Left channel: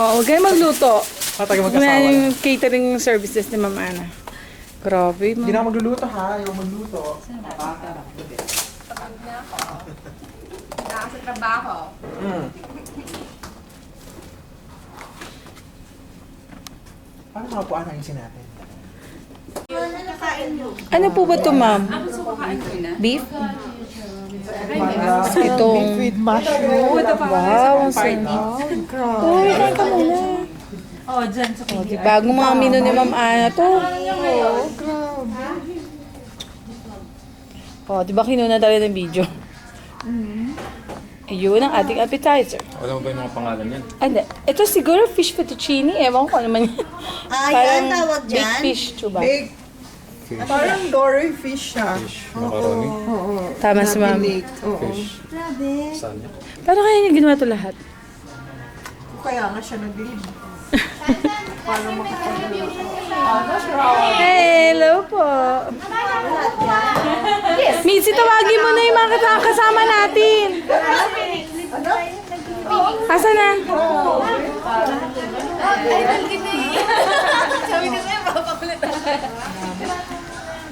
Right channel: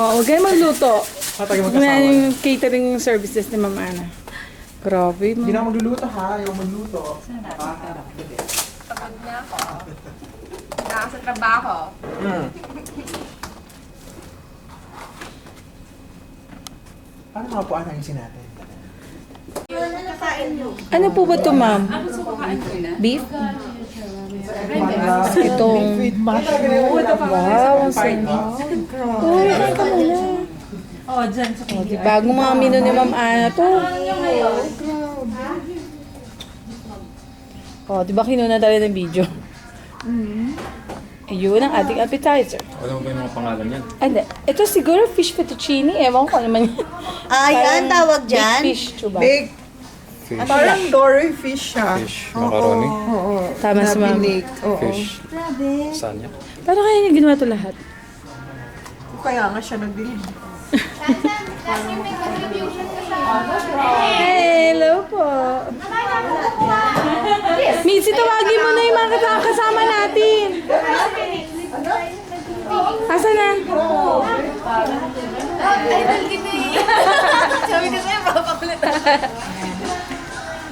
Oo, huwag kayo magluto. Tayo Huwag magkasawa. na yung catering services ni Ma'am Ana. Grabe, Hindi Ma'am. na magluluto ha, yung magluto. Pagod na ako. Wala sa trabaho. Paano nga po ayusin natin? Ano po ba ito, Ma'am? Beef? Itong... With mushroom. Wow, ang sarap. Uy, kain ka muna. Oh, dyan sa Oh, di bagong mga menu ni Ma'am Ana to. Oh, di ba kinuna talaga ng video? Ayun ang ating appetizer. Wala mo ba yung mga pangalan yan? Ay, hindi. Ito siguro fish fettuccine. Ewan ko ano naman yan. yan tawag dyan? Big fish, chuba. Big, parang dory fish siya. Fish, macaroni, Oo. Tama si Ma'am. Binake. Oo. fish. Saan yan? Paano kaya niya ginawa ito lahat? Kaya nga siya nagdilim. Hello po. Mitzi, tawagin mo na yung mga kasama natin. Asa na? Sabi ko sa'yo, papakulit.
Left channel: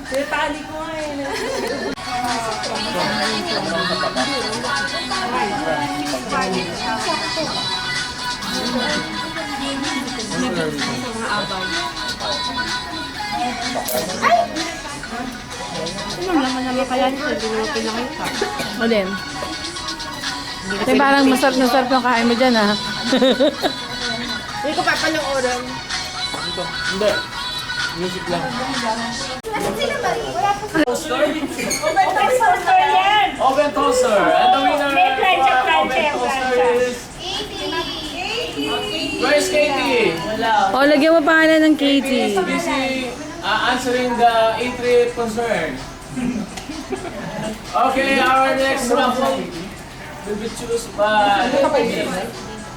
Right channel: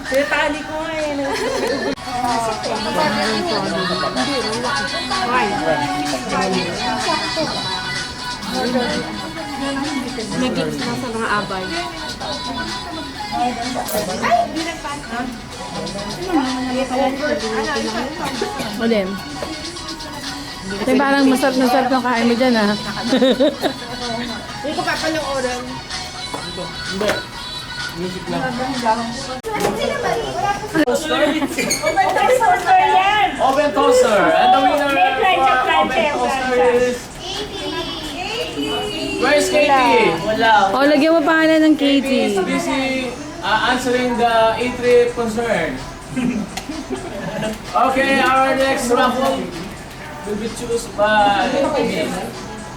Tali ko nga eh. Alin? Ito yung parang masarap na sarap yung kain mo dyan ah. Hindi ko papalang Hindi. Music lang. Oven toaster. And the winner for oven toaster is... Where's Katie? Wala. O, lagyan mo pangalan ng Katie is Katie. busy answering the A3 concern. Okay, our next raffle will be chosen by me.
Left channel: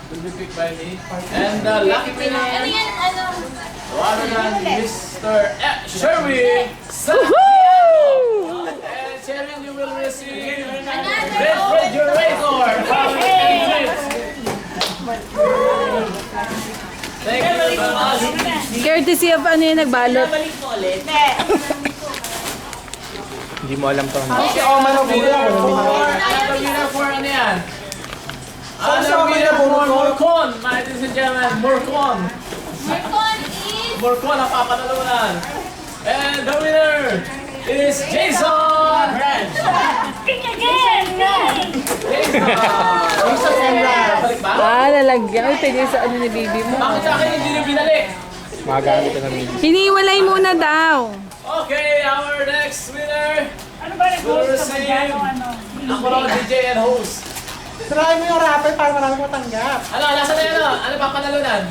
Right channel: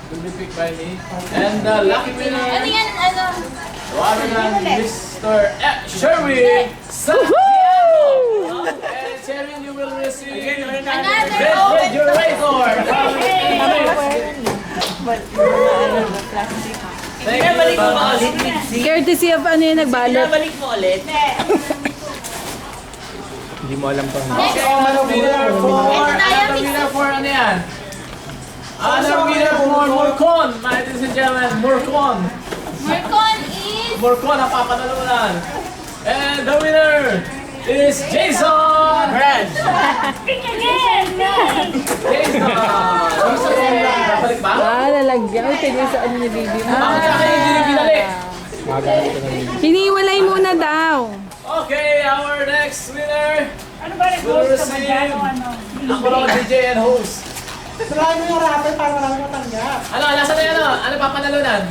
Will be picked by me. And the lucky winner, the one and Mr. Sherwin Santiago. And Sherwin, you will receive refrigerator. Thank you very much. Courtesy of ano yung nagbalot. Hindi mo alam pa. Okay, another winner for ano yan? Another winner for Morcon, ladies and gentlemen, Morcon. Morcon ang papanalunan. And the winner is Jason Ranch. Jason! Balik ba? Ah, lalagyan. Uy, pwede sa ano ni Bibi mo. Bakit sa akin hindi nyo binalik? Magalit ka na rin. Hiniwalay muna daw. Okay, our next winner will receive ako raw DJ and host. Try mo yung rapper para marami matanggap. Ano, nasa na yan ano? Ano panalunan?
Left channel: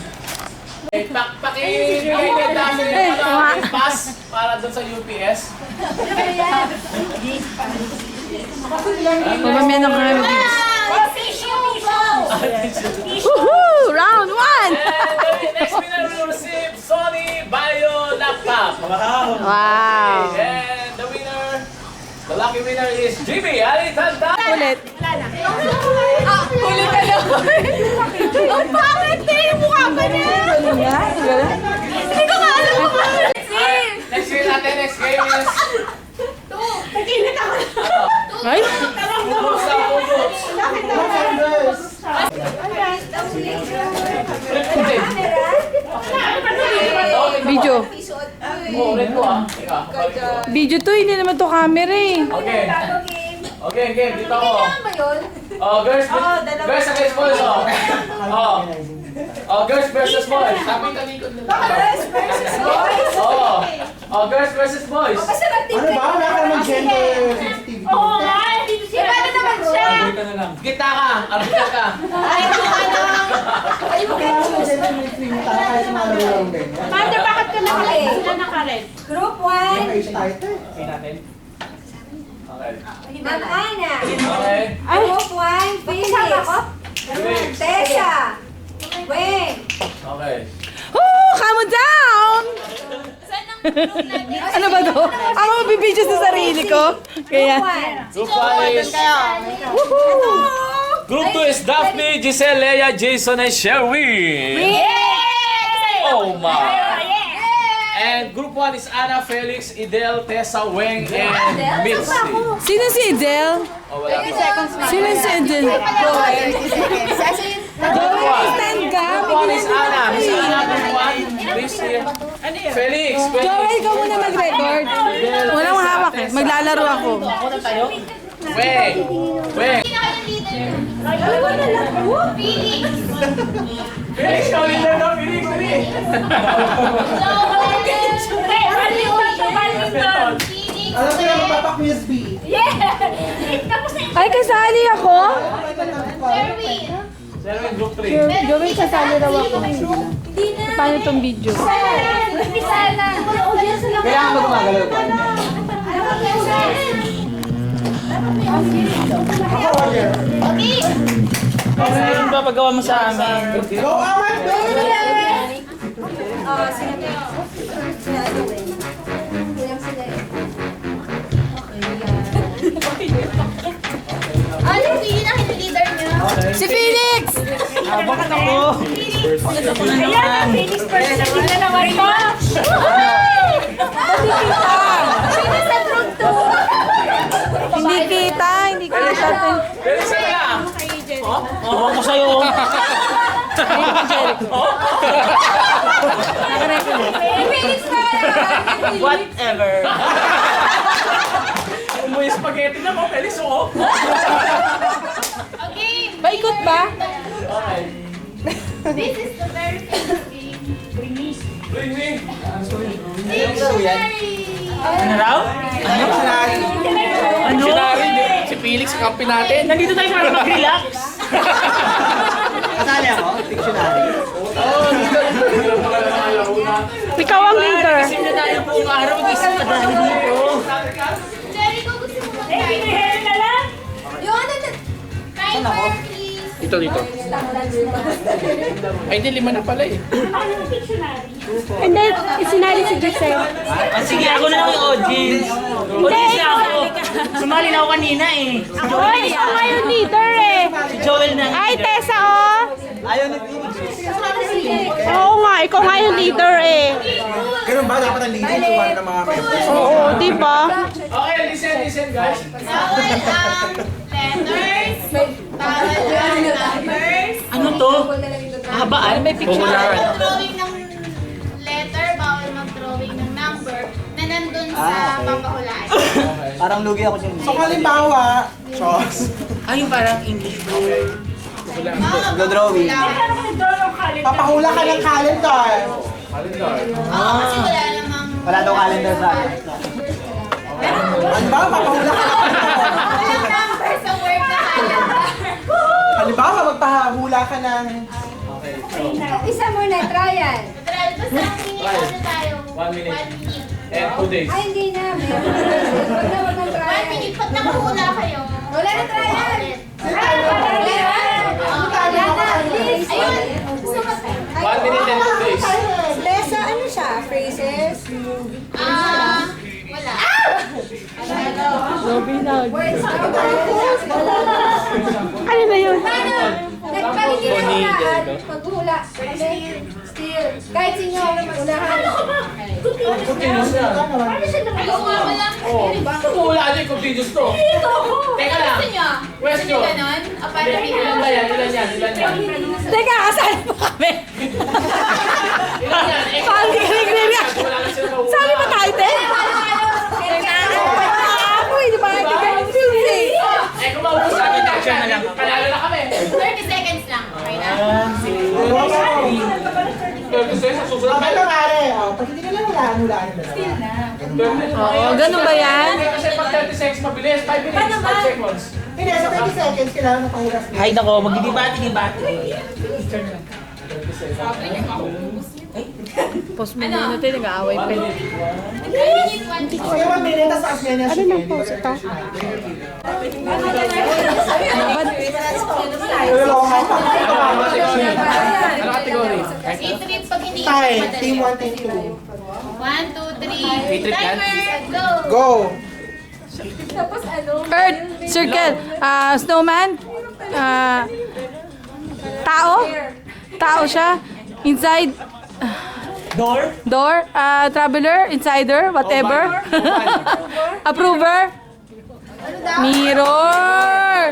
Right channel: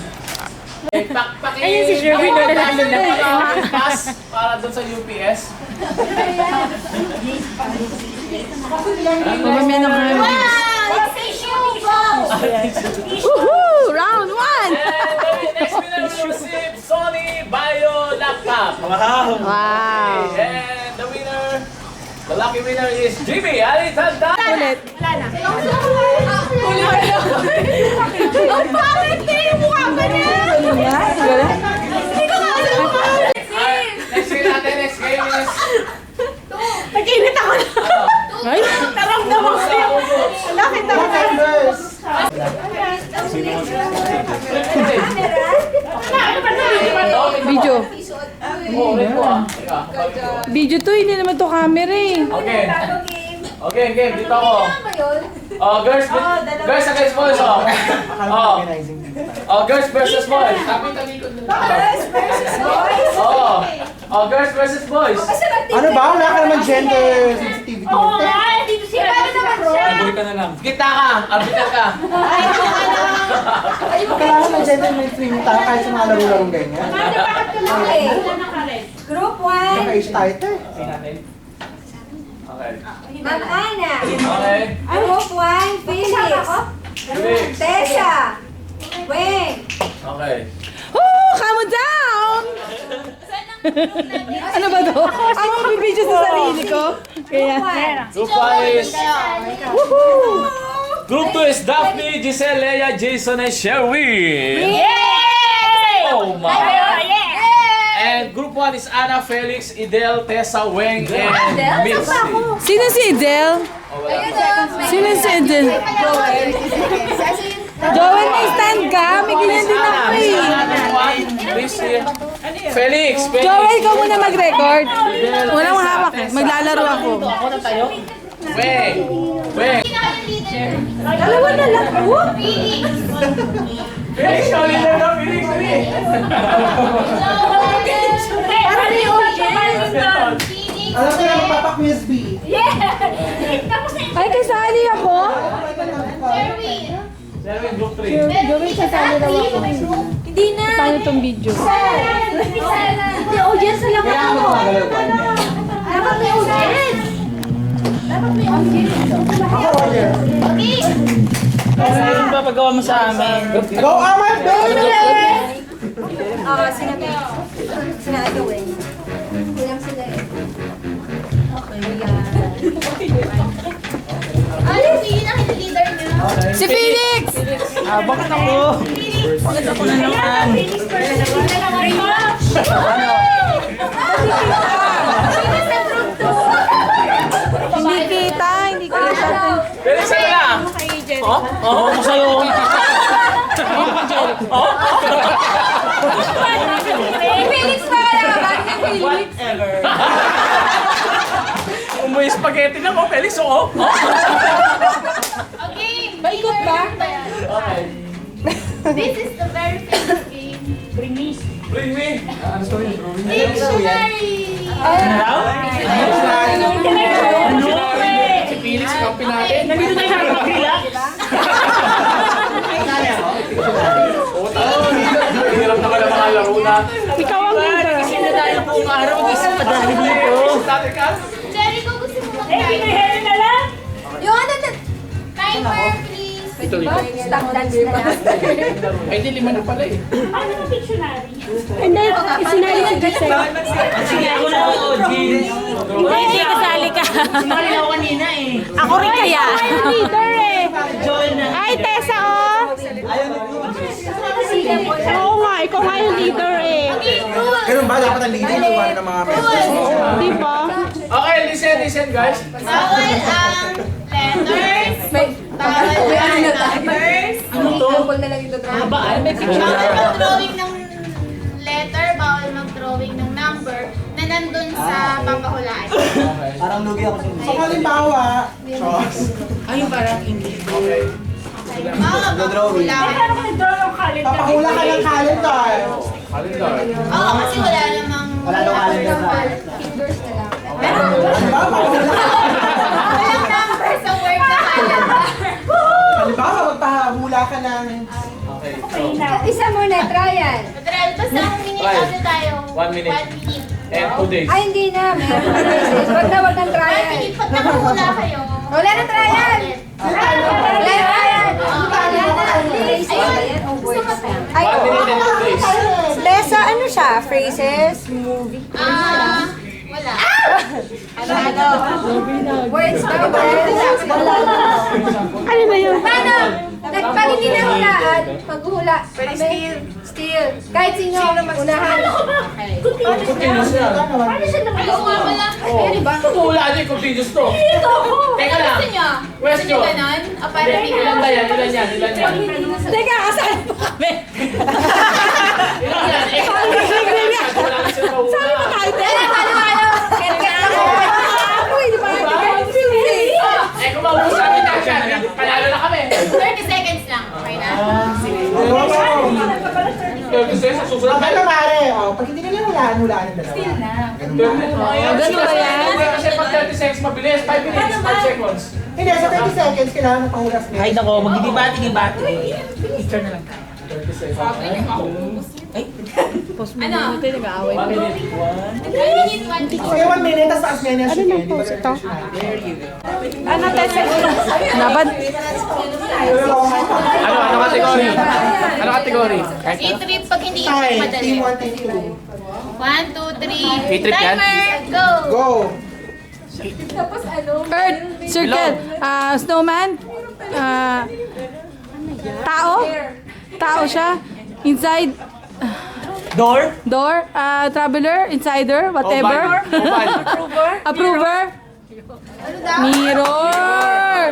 Pass para doon sa UPS. Mamamaya na kami. Woohoo! Round 1! And the next winner will receive Sony Bio laptop. Wow! And the winner, the lucky winner is Jimmy Alitanda. Ulit. Ang pangit na yung mukha ko na! Ano nga? Wala? Hindi ko nga alam kung ano. Next game natin, next game is... Nag-init ako na. Ay? Naramdaman ko na. Bakit ako na? Video. Oh, ulit ko ah. Teka. Video to, hindi naman to camera eh. Okay. Okay, game. Dito ako. ba yun? Oh, girls against boys, oh. Oh, girls versus boys. Sabi talikod nila. Girls versus boys? Oh. Oh, girls versus boys. Masarap din. Ano ba? Wala ka naman gender sensitivity. Oo nga, dito siya. Iba na naman siya. Gitna ka. Arbiter ka. Ay, yung ano. Ay, yung Kaya naman gender mainstream tayo kahit sa mga laro-larong ganyan. Manda, bakit ka lang eh? Sila nakared. Group 1. Naka-age title. Okay. Ma'am Ana. Okay. Group 1, Felix. Felix. Tessa. Weng. Okay. Oh, calm down! Ano ba to? Ako mabibidyo sa sarili ko. Kaya, Group 1 is... woohoo! Group 2 is Daphne, Giselle, Leia, Jason, and Sherwin. Oh my. And group 1 is Anna, Felix, Idel, Tessa, Weng, and Mitzi. Sino si Idel? Oh, wala pa. Sino si Idel? Joel, may stand ka. May ganyan din ako Miss eh. Anna, group 1. Please, Felix, Joel, ikaw muna mag-record. Walang hawak eh. Maglalaro ako. Weng. Weng. Dalawa na lang po. Felix, ikaw leader daw. Felix, dali. Alam ko yung Papa Quiz B. Ay, kasali ako? Sherwin, group 3. Joel, kasali raw ako. Hindi na. Paano tong video? Oo, dyan sa lang. Kaya ako gumagalaw ba? Dapat may usahin. Ako, Roger. Ano ba paggawa mo sa amin? Go, Amat! Oo, sinabi ko eh. Kulang sila eh. Okay, yan. Ano yung leader niya? Si Felix! Bakit ako? Bakit ako na naman? Hindi kita, hindi kita. Felix, ano lang? Oo, ako sa'yo. Whatever. Umuwi spaghetti na mo, Felix, oo. Okay. Paikot ba? Okay. This is the very famous game. Bring me. Dictionary. Ano raw? Ano? Si Felix, kakampi natin. Nandito tayo para mag-relax. Kasali ako? Hirap naman ang mga laro na. Ikaw ang leader. Kasi na tayo buong araw mag-isip pa dahil dito. Jericho, gusto mo mag-try? Yung ano na. Timer, please. Ito. Ay, di 5 na pala eh. Hindi, isinali si Giselle. Sige, ako na lang yung audience. Audience ako. ka. Sumali na ako kanina eh. Ako rin kaya. Ako yung leader eh. Joel na. Ay, Tessa oh. Oo nga, ikaw nga yung leader eh. Ganun ba? Dapat ang leading tuwan ng mga members. Di ba? Okay, listen guys. Bawal ang letters. Bawal ang numbers. Ano to? Habaan? May picture. Bawal mag-drawing ng letter. Bawal mag-drawing ng number na nandun sa papahulaan. Parang lugi ako dyan. So, halimbawa, Chos. Ay, parang English. Okay. Drawing. Papahula ka ng calendar. Calendar. Oo, kasi wala namang... Wala daw calendar sa Ano ba? Papahula ka. Walang number sa word na calendar. Halimbawa, magpahula ka ng... Okay. So, Isa muna, trial. Literal, basta ang minute ano tayo? 1 minute. 1 minute. and 2 days. Ay, hindi na. Wag na, wag ng 1 trial. minute. Pag nakahula kayo. Wala na trial. Wala na. Ayun. Gusto mo tayo? 1 minute and 2 days. Tessa, ano siya? Phrases? Wala. Words? Ano ba yun? Paano? Pag hindi na hulaan, paghuhula. Still. Kahit sino ang unahan. Continuous yan. Ayaw nga wala. Wala din continuous to. Teka lang. Gusto nyo? Gusto Question. nyo ganon? Para may Ilan ba yan? Ilan yan? Ilan yan? Teka, kasali mo kami. Ilan yan? Eh, wala na sila mahula. Sali mo tayo, te. Ako, hindi pa natin confused eh. Eh, kung maubos sa amin yan, panalo na kami. 30 seconds lang. Okay na? Pero gusto yun sa susunod. Bakit ka pare? Pag hindi nila hulaan yung dalawa. Oh, ganun ba yan? Kasi pag 30 seconds mabilis, 5 minutes, 5 seconds. Hindi, sa 30 seconds, kailangan ng pangulas nila. Ay, nako, magdidibati-dibati. Picture na lang. 30 seconds. Post mo muna tayo, nag-aaway 1 pa. minute. 1 minute, 1 minute. Okay, 1 minute, tapos taas ganyan. Ano nang post ito? Dapat, Ano category? Ano category? I-trip pag hindi Time, madali. team 1, team 2. 1, 2, 3. I-trip yan? Timer, go! Go! Earth, circle, snowman, Tao? Tao siya? Inside? Door? Traveler? Insider? Whatever? Approver? Mirror!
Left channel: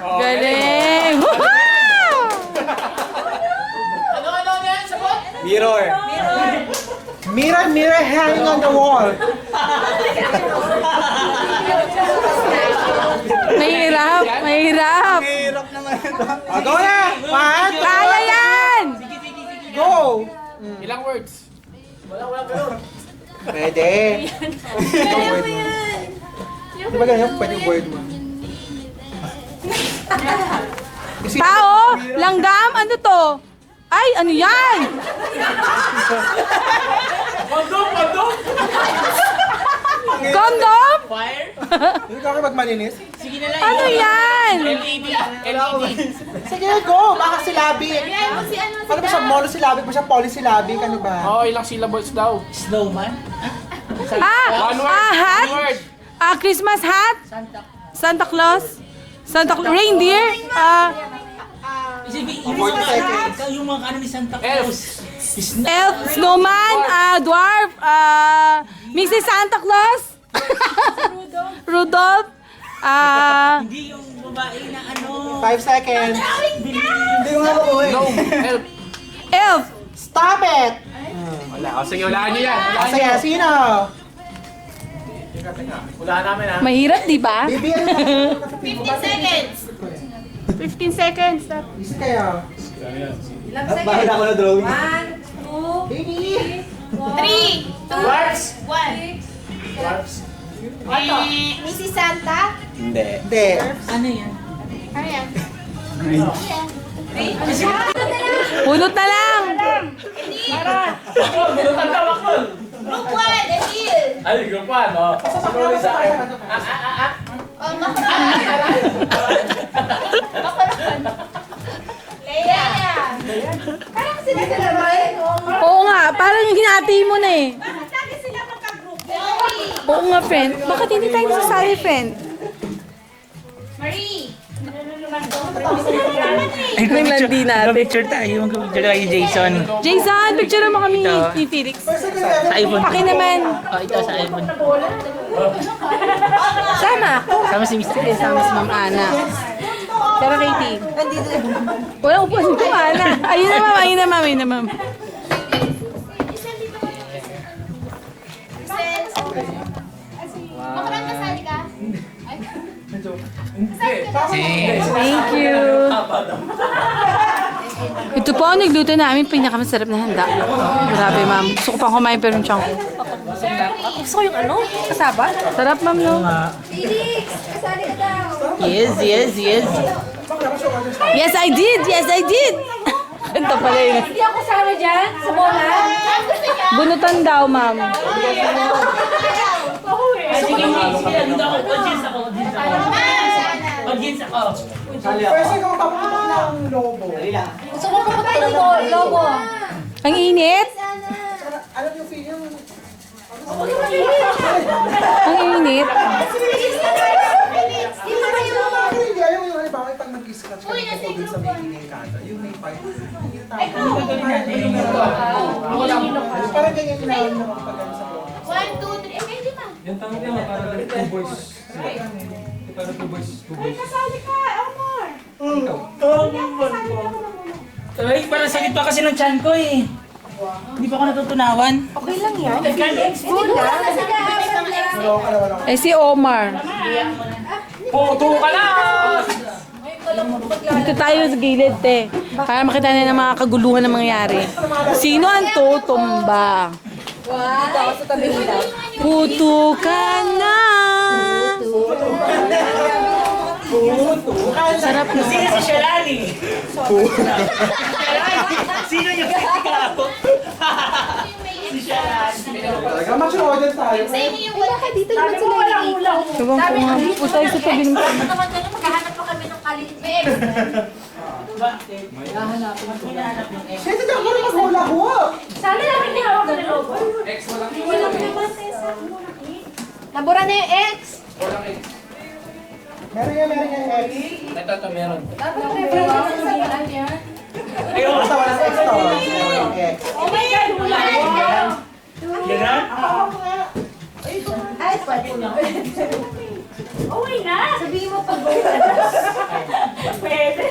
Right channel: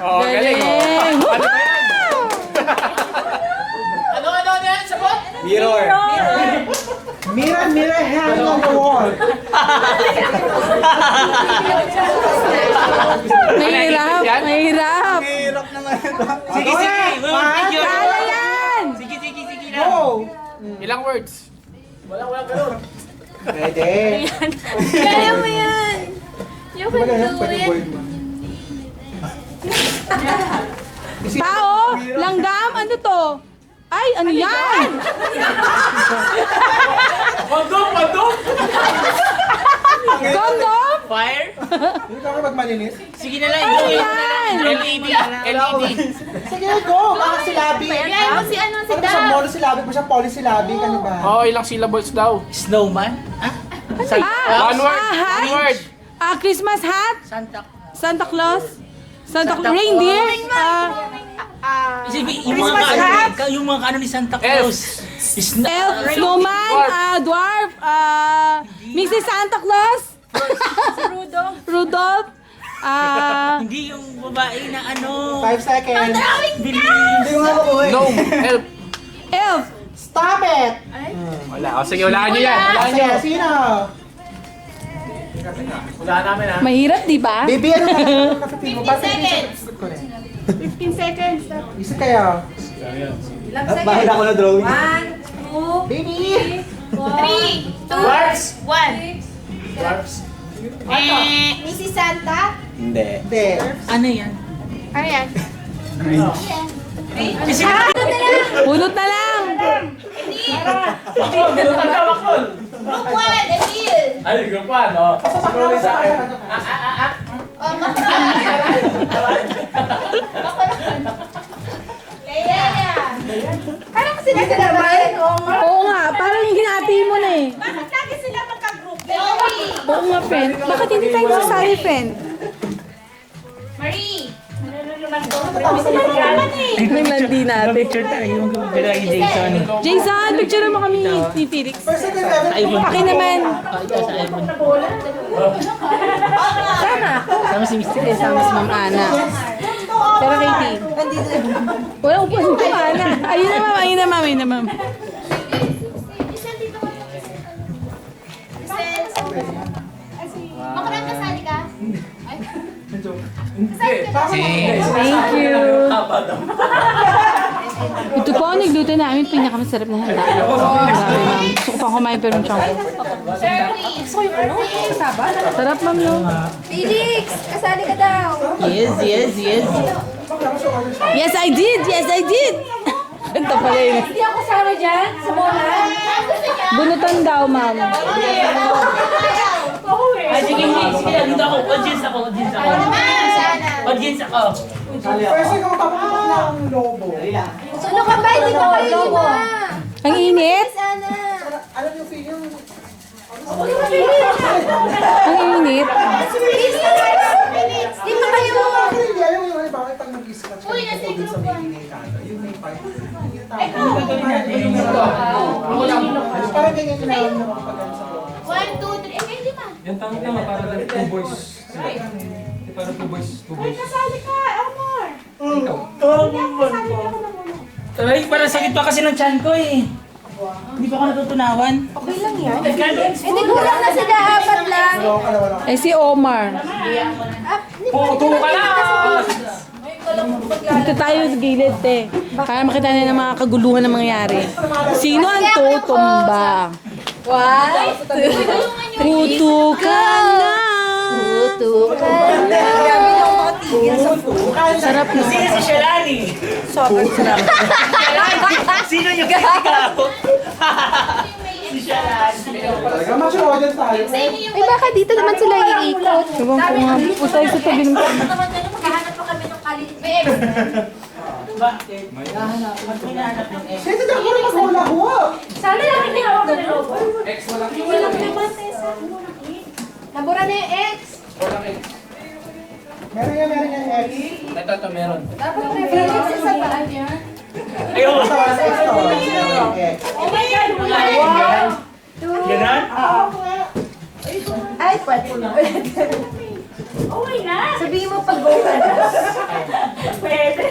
Galing! Woohoo! Ano yan? Sabot? Mirror. Mirror, mirror hanging on the wall. Mahirap! Mahirap! Hirap naman ito. Go na! One, Kaya yan! go! Ilang words? Wala ganun. Pwede. Kaya mo yan. Di ba ganyan? Pwede word mo. Tao? Langgam? Ano to? Ay, ano yan? Pandong! Kondom? Hindi ka kayo magmalinis? Ano yan? LED. Sige, go! Baka silabi. Kaya mo si ano si Ano ba siya? Monosilabi ba siya? Polysyllabic? Ano ba? Oh, ilang syllables daw? Snowman? Ah, One word. hat? One word. Christmas hat? Santa Claus? Reindeer? Yung mga ano ni Santa Claus. Elf? Snowman? Dwarf? Mrs. Santa Claus? Rudolph? Hindi yung babae na ano. 5 seconds. Hindi ko nga makuha eh. Gnome. Elf. Elf? Stop it! Wala. O sige, walaan nyo yan. Walaan nyo. Sige, sino? Walaan namin ha. Mahirap, di ba? Baby, ano na? 15 seconds. 15 seconds. Isa kayo. Bahala ko na drawing. 1, 2, Baby! 3, 2, Dwarfs. 1. Dwarfs. Mrs. Santa? Hindi. Hindi. Ano yan? Ano yan? Punot na lang. Binutan ka, Makol. Group 1, Emil. Ay, group 1. Oh. Siguro sa akin. Oh, Macron. Leia. Parang sila naman. Oo nga, parang yung hinati mo na eh. Bakit lagi sila magka-group? Joey. Oo nga, friend. Bakit hindi tayo sasali, friend? Marie. Nang landi natin. Picture tayo. Mag-picture tayo Jason. Jason, picture mo kami ni Felix. Sa iPhone. Paki naman. Ito sa iPhone. Sama. Sama si Mr. Sige, sama si Ma'am Ana. Pero Katie. Wala ko po si Ma'am Ana. Ayun na, ma'am. Ayun na, ma'am. Ayun na, ma'am. Macron, kasali ka? Thank you. Ito po ang nagluto namin pinakamasarap na handa. Grabe, ma'am. Gusto ko pang kumain pero yung tiyan ko. Gusto ko yung ano? Kasaba? Sarap, ma'am, no? Felix, kasali ka daw. Yes. Yes, I did! Yes, I did! Kanta pala yun. Hindi ako sama dyan, sa bola. Gusto niya? Bunutan daw, ma'am. Sige, dito ako. Audience ako. Audience ako. First, ikaw taputok ng lobo. Sunod ka ba, hindi ko, lobo. Ang init? Sana. Alam niyo, Phil, yung... Ang init? Di ba kayo? Hindi, ayaw yung ano, bakit pag nag-scratch ka Uy, ng nasa tubig sa group may one. inikata, yung may pipe. Parang ganyan yung namin na makapagano sa buwan. 1, 2, 3. Eh, kayo di ba? Yan tama naman para like two boys sila. Para two boys. Kasali ka, Omar. Ay, parang sakit pa kasi ng tiyan ko eh. Hindi pa ako natutunawan. Hindi ko lang na sila, apat lang. Eh, si Omar. Puto ka na! Dito tayo sa gilid, te. Para makita na ng mga kaguluhan na mangyayari. Sino ang tutumba? Puto ka na! Sarap na. Sino si Shalani? Sino yung ikaw? Si Shalani. Talaga, mas-order tayo. Sa inyo yung Eh, bakit dito naman sila iikot? Ewan ko nga. Utay sa tabi ng... maghahanap pa kami ng kalit. Bakit? Hinahanap ng ex. Sige, ako rin mag-hula-hoop. Sana lang hindi hawak ng lobo. X walang X. Walang naman, Tessa. Nabura na yung X. Walang X. Meron yan, X. Ito, meron. Dapat may priority sa pala yan. Ayun. Basta wala sa X to. X. Oh my God, wala. Ganun? Ay, pwede na. Okay na. Sabihin mo pag go ka. Pwede.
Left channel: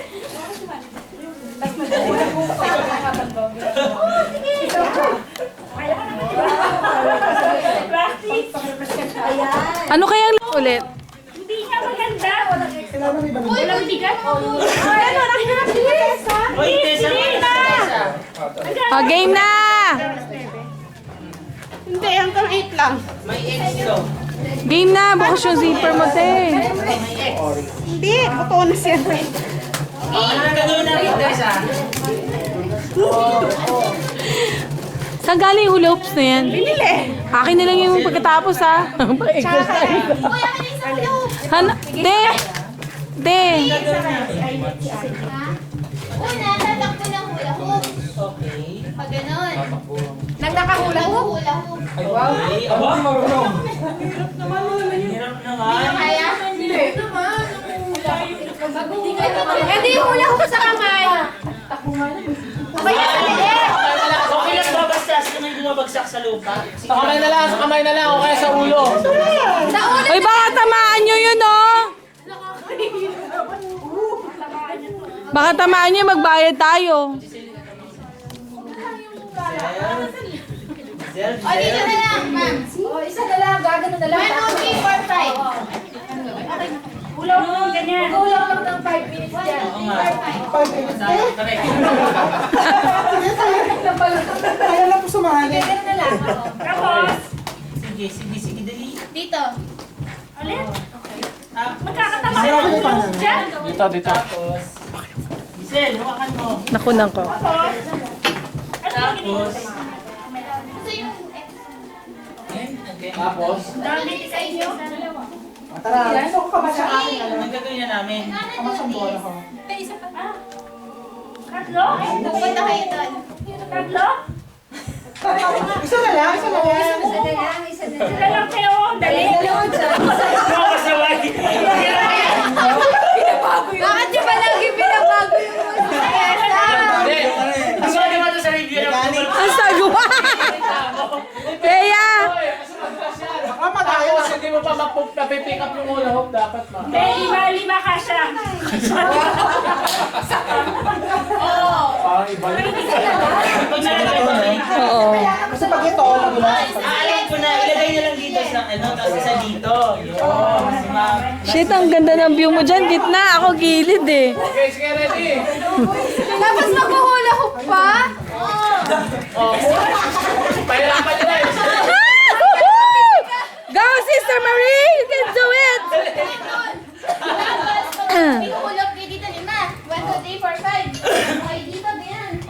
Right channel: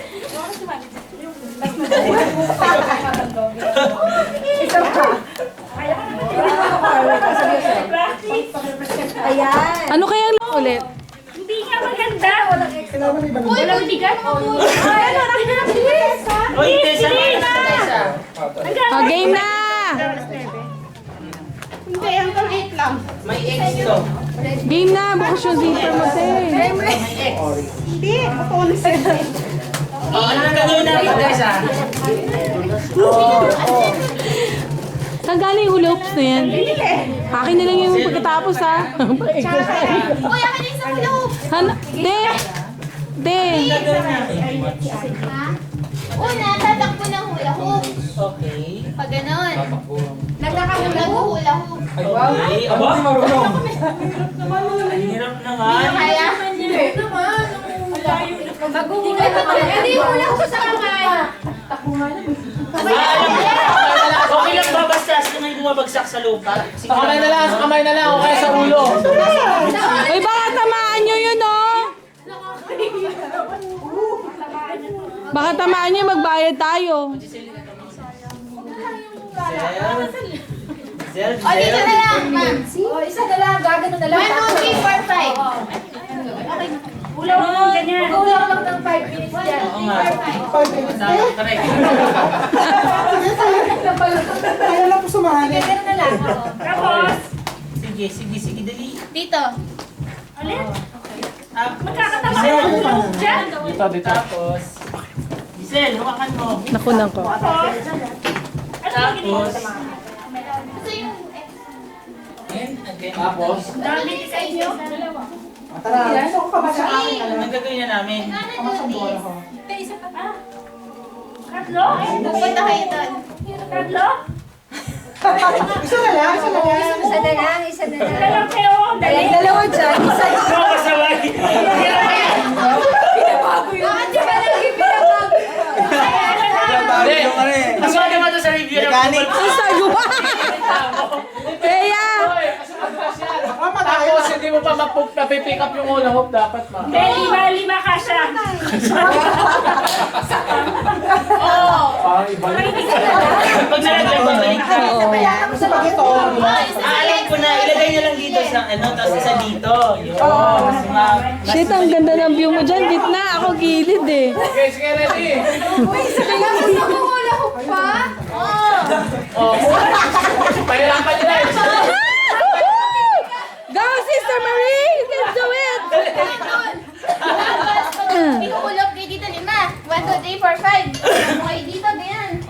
Isa pa. Practice. Ayan. Ano kayang ulit? Hindi nga maganda. Kailangan may balon. Walang bigat. Ay, ano, nakikinabilis, ha? Uy, Tessa. Oh, game na! Hindi, hanggang 8 lang. May X to. Game na! Bukas yung zipper mo, te. Hindi, totoo na siya. Ano na gagawin natin, Tessa? Saan galing yung hula hoops na yan? Akin na lang yung pagkatapos, ha? Uy, akin na isang hula hoop. Te! Te! Una, tatakbo ng hula hoop. Okay. Pag ganon. Nagkakahula ho. Hula hoop. Okay. Aba? Marunong. Hirap naman. Kaya? Hindi hula ho sa kamay. Okay lang ba basta sila may bumabagsak sa lupa? Sa kamay na lang, o kaya sa ulo. Uy, baka tamaan nyo yun, oh! Baka tamaan nyo, magbayad tayo. Zel, O, dito na lang, ma'am. Oh, isa na lang, gagano na lang. 1, 2, 3, 4, 5. Hula mo, ganyan. Mag-ulang lang ng 5 minutes yan. Oo nga. 5 minutes. Correct. Kaya lang po sumali. Ganyan na lang. Tapos, Sige, dali. dito. Ulit. Magkakatama ka ng hula hoop dyan. Dito. Tapos, Giselle, hawakan mo. Nakunan ko. Tapos, Gusto yung okay. Tapos, dami sa inyo. Tara, gusto ko ka ba sa akin? Anong gagawin na namin? Kamasang bola ko. Tatlo? Pupunta kayo doon. Tatlo? Isa na lang, isa na lang. Isa na lang, isa na lang. Dalang kayo. Dali. Dalawa dyan, isa na lang. Kasaway. Bakit yung palagi pinabago yun? hindi. Ang gawin naman to sa review ng Ang sagwa! Kaya! Baka magayon. Tapos, hindi mo pa mapipick up yung hula hoop, dapat ma. May lima ka siya. Parang iba yun. Pag nalagay ba rin? Oo. Kasi pag ito, di ba? Alam ko na, ilagay nyo lang dito sa tapos isa dito. Yun. Shit, ang ganda ng view mo dyan. Gitna, ako gilid eh. Okay, sige, ready. Tapos mag-hula hoop pa? Oh, pahirapan nyo na yun. Go, Sister Marie! You can do it! Tapos, ihulog kayo dito 5. 1, 2, 3, 4, 5. Okay, dito, ganyan.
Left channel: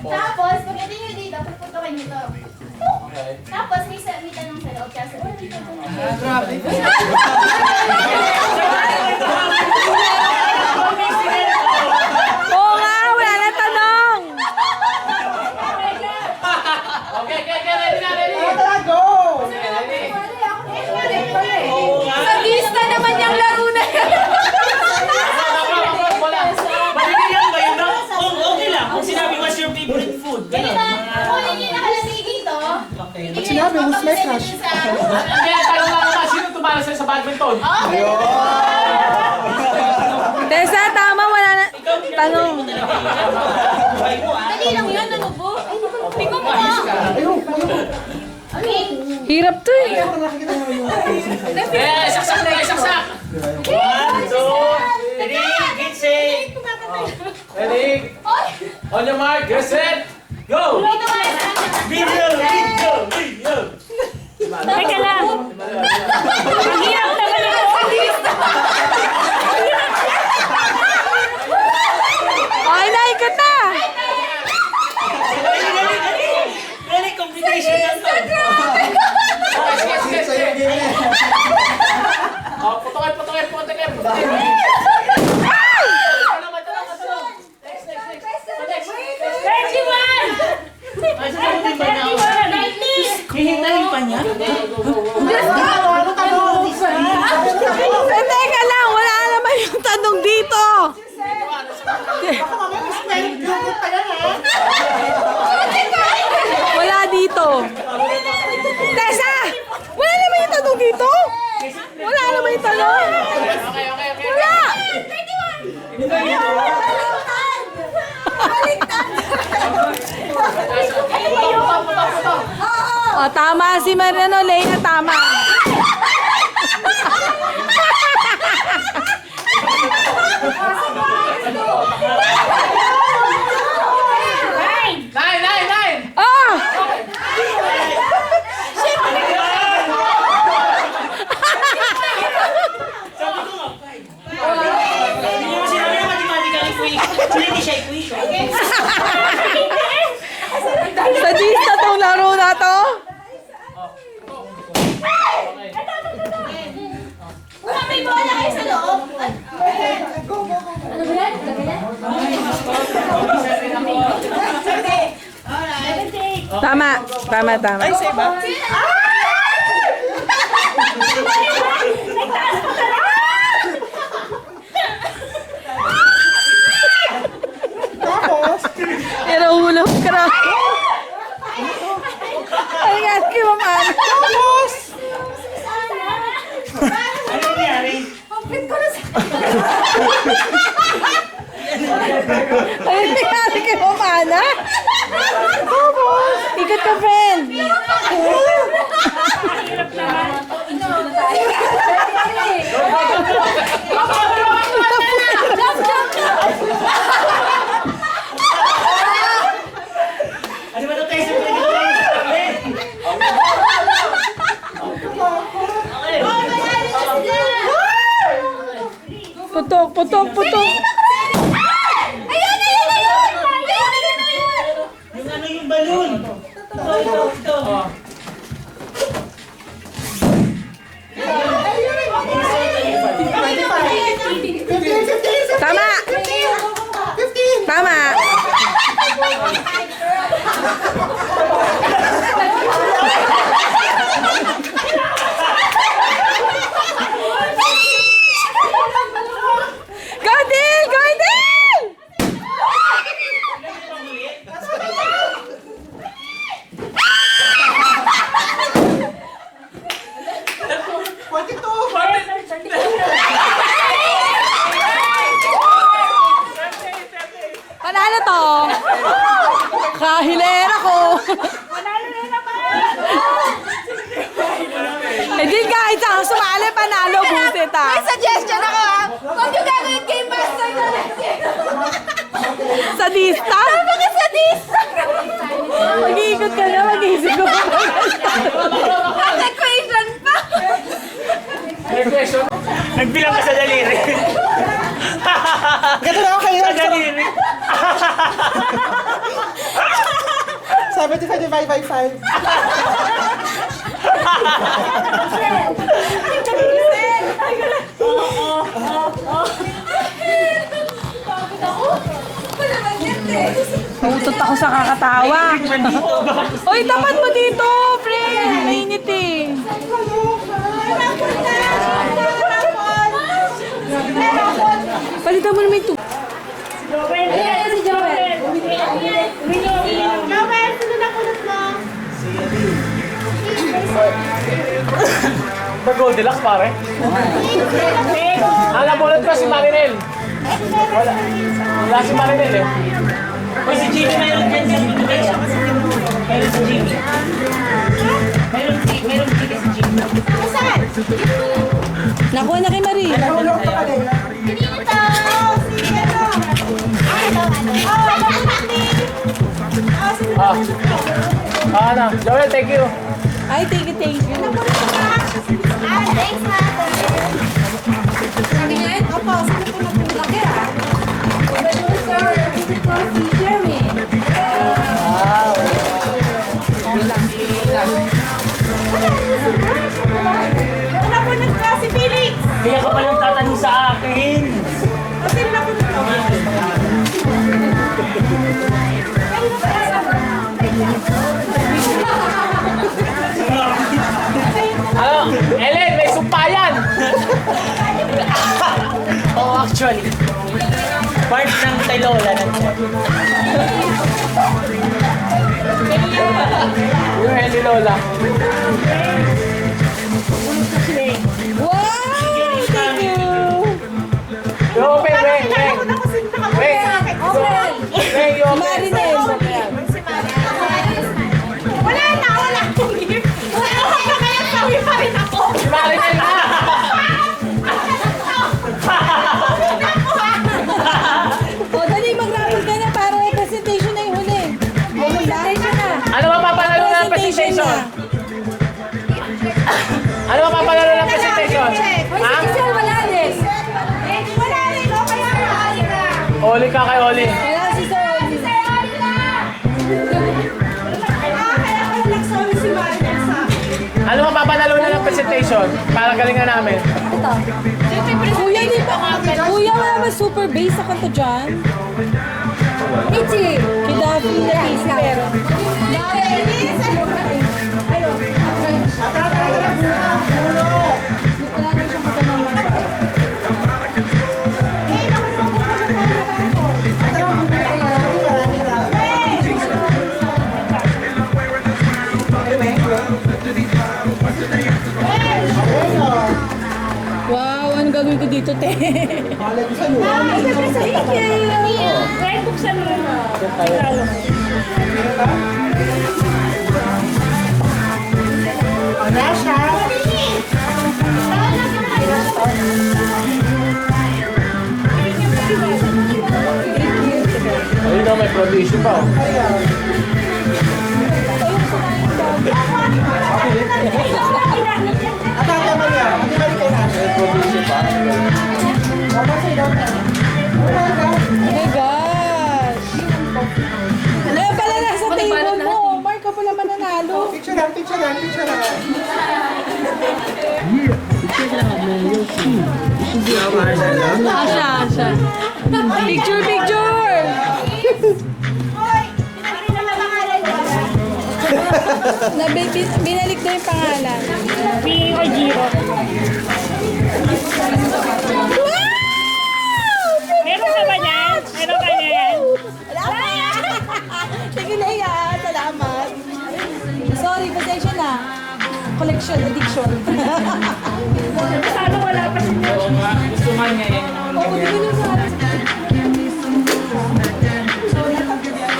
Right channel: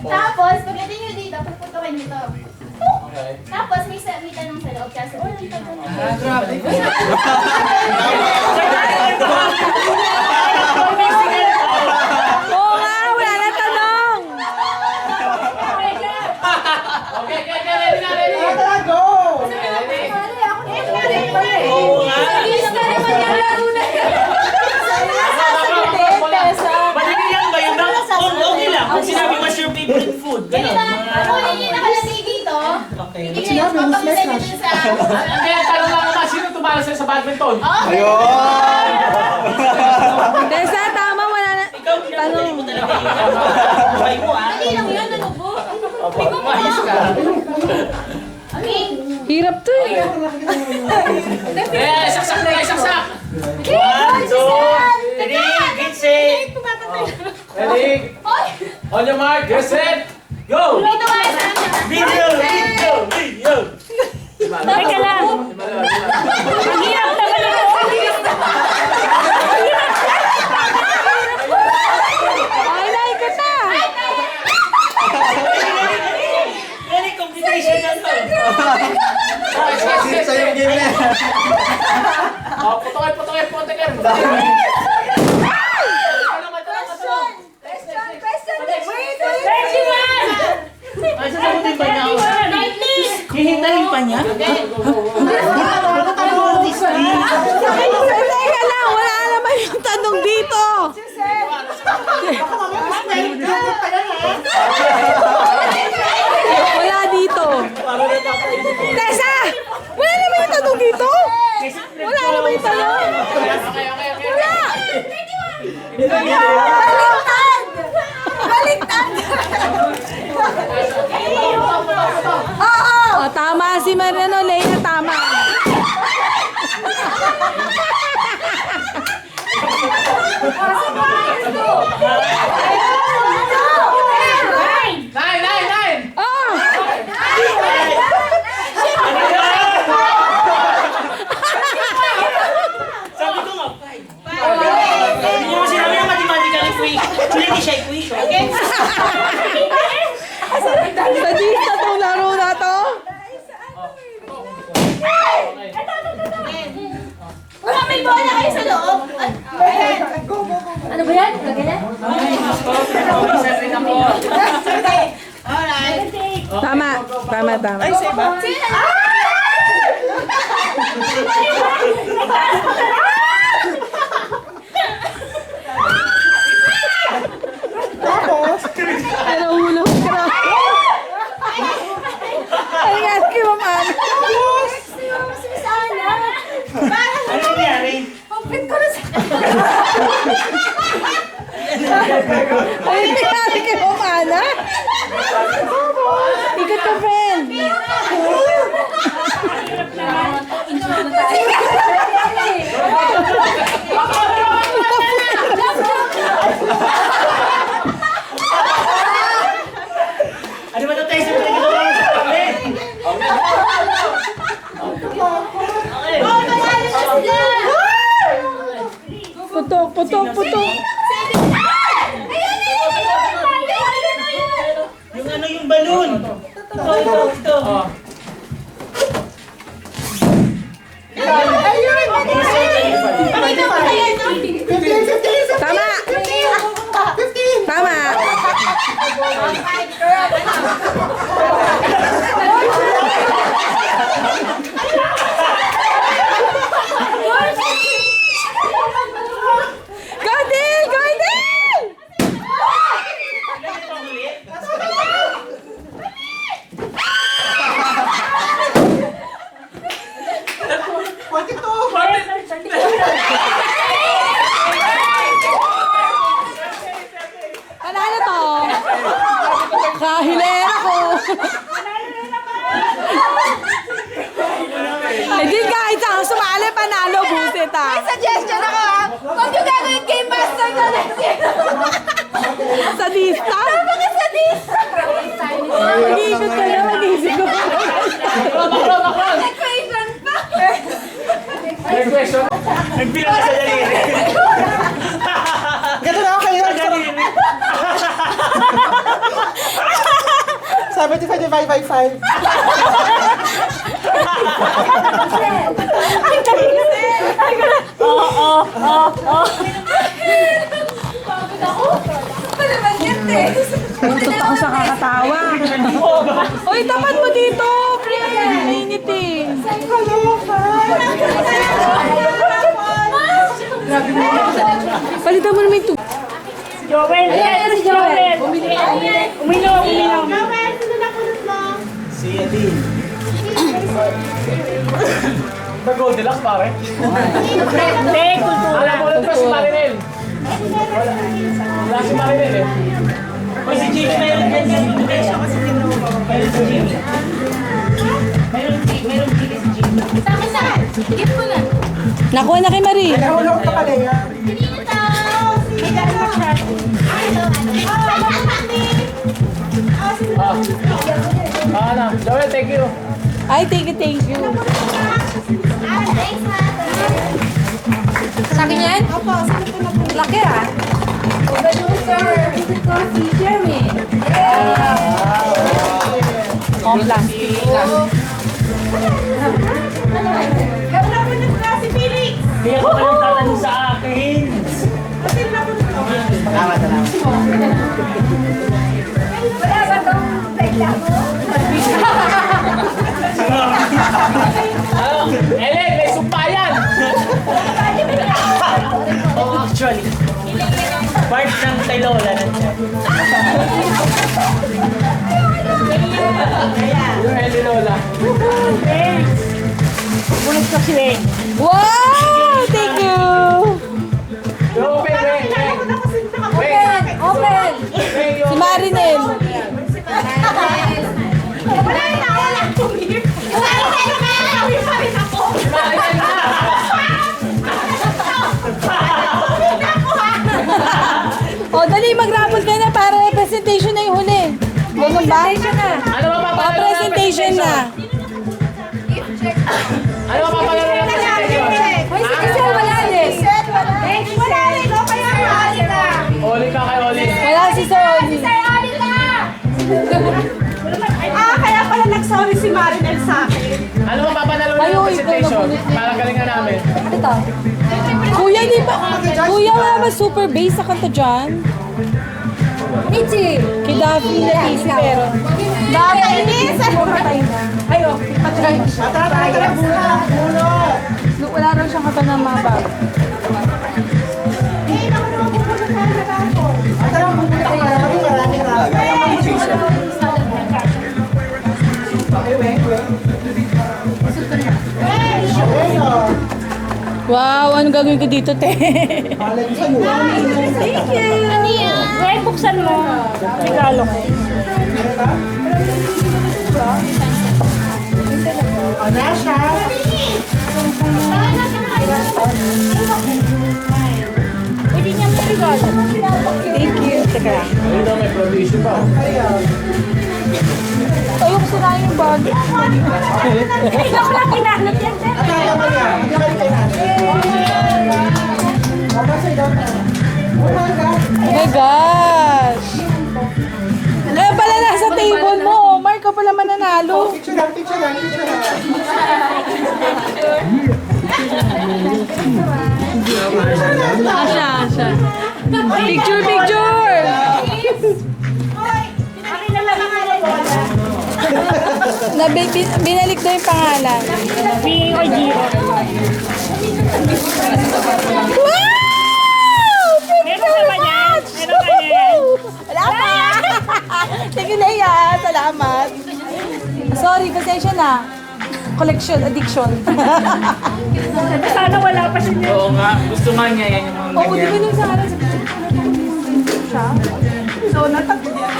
Tapos, pagdating nyo dito, puputukin nyo to. Okay. Tapos, may tanong sa loob. Kasi, dito po na. Oo nga, wala na tanong! Okay, ready na, ready. Tara, go! Oo nga. Lista naman yung laro na yan. Maliliyan ba yun? Okay lang. Kung sinabi, what's your favorite food? Ganun Ganun. lang. Kung yun yung nakalagay dito, Okay. hindi Sinabi, kayo mas may mapapagdala cash. dun sa... Hindi, tanong lang naman, sino tumalo sa'yo sa badminton? Tessa, tama, wala na. Ikaw, Tanong. mo talaga yun. Buhay mo, ah. Dali lang yun, ano po? Tingnan mo Ayos ka. Okay. Hirap to eh. Eh, saksak na, saksak! 1, 2, 3, get set. Ready? On your mark, get set, go! Dito ka sa Video. Teka lang. Ang hirap naman ito. Ay, naikot na! Dali, competition na to. Sige. Oh, putokin. Ay, sasagutin ba niya ako? Hihintayin pa niya? Teka lang, wala si Mariano, Leia, tama. Nine! Ah! Sabi ko nga. Hindi mo sinabi na mathematical equation. Hindi siya equation. Sadista tong laro na to. Wala, may bola kayo sa loob. Ano ba yan? Gagalan? Tama. Ay, sa iba? Tapos, Pero ulo ka na. Ay nga, kay Mama. Ano nangyari? Ay, nangyari kay Mama na. Ikot ka, friend. Ano ba ito tayo sa pinagagawa mo sa akin? Putok. Yung ano yung balloon. Ito. Tama. Tama. Go, Dil! Go, Dil! Panalo to. Kahilera ko. Eh di kahit ang sumali, panalo, buset ah. Suggestion ako ha. Huwag yung gagawin game master ko next year. Sadista? Bakit sadista? Mag-iikot ka na, mag-iisip ko. Equation pa. Next question. Nagbilang ka sa daliri. ganito na ako kayo. Sa daliri. 75 divided by 5. Ano naman yan eh? Putot ako sa kakatawa. Uy, tapat mo dito, friend. Mainit eh. Palitan mo naman ito. Ayan, si Joel. Uminom. Joel, sino na kulot mo? The Goldilocks, pare. Alam mo ulit ko si Marinel. Wala si Marinel eh. O si Jimmy, mayroon dyan yung invitation. Mayroon si Jimmy. Mayroon si Jimmy. Saan saan? Gift ko lang. Nakuha na kay Marie. Nahulog ka pala yan. Hindi ito. Ano? Joel, thank you. Ay, thank you. Thanks, ma. Sa akin yan? Opo, sino po na po? Laki ah. Producer, ito si Jeremy. Si Felix! Kaya ka palang tatanong sa akin. Kasi napunod ko. Ano? Ellen, may sumpayan! Oh, actually. Part ng kay Lola nandiyan. Yung Heli Lola. Wow! Thank you! Open, wait. Open. Si Marinel. Wala na, wala akong gift. Ganun ba? Ano mapapalaro ng Presentation na. Ano mapapalaro ng presentation? Hoy, si Giselle wala din. Wala rin, no? Kaya maaari ka. Oli ka kay Oli. Wala si Sony. Kaya pala nag-sorry si Marinel sa akin. Ano mapapalaro na ng presentation? Para galingan namin. Ito. Kuya, di ba? Kuya, wala ba super bass sa kanta dyan? Michi! Kay Daphne na easy pero. Daphne! Ayun. Tara, Wala rin siyang kanta ng mga bata. Wow, ano gagawin ko dito, te? Wait, buksan mo. Regalo ko. Ayun daw, may provision pa. Ayun, sirain yung bag. Oh my gosh! Ano pala nasa table mo? Mark, ka pala mananalo. Picture lang. Asya. Picture! Binalik daw yung pangalan. Bigay ko Giro. Wow! Meron ka ba yan? Meron ka yan? Wala pa! Sige na yan. Salamat. Sorry, pasensya na. Collection, addiction. Sana wala pa siya. Oo nga, gusto nga niya yan yung mga Oo, di ba nung sa akin? So, natakot yan.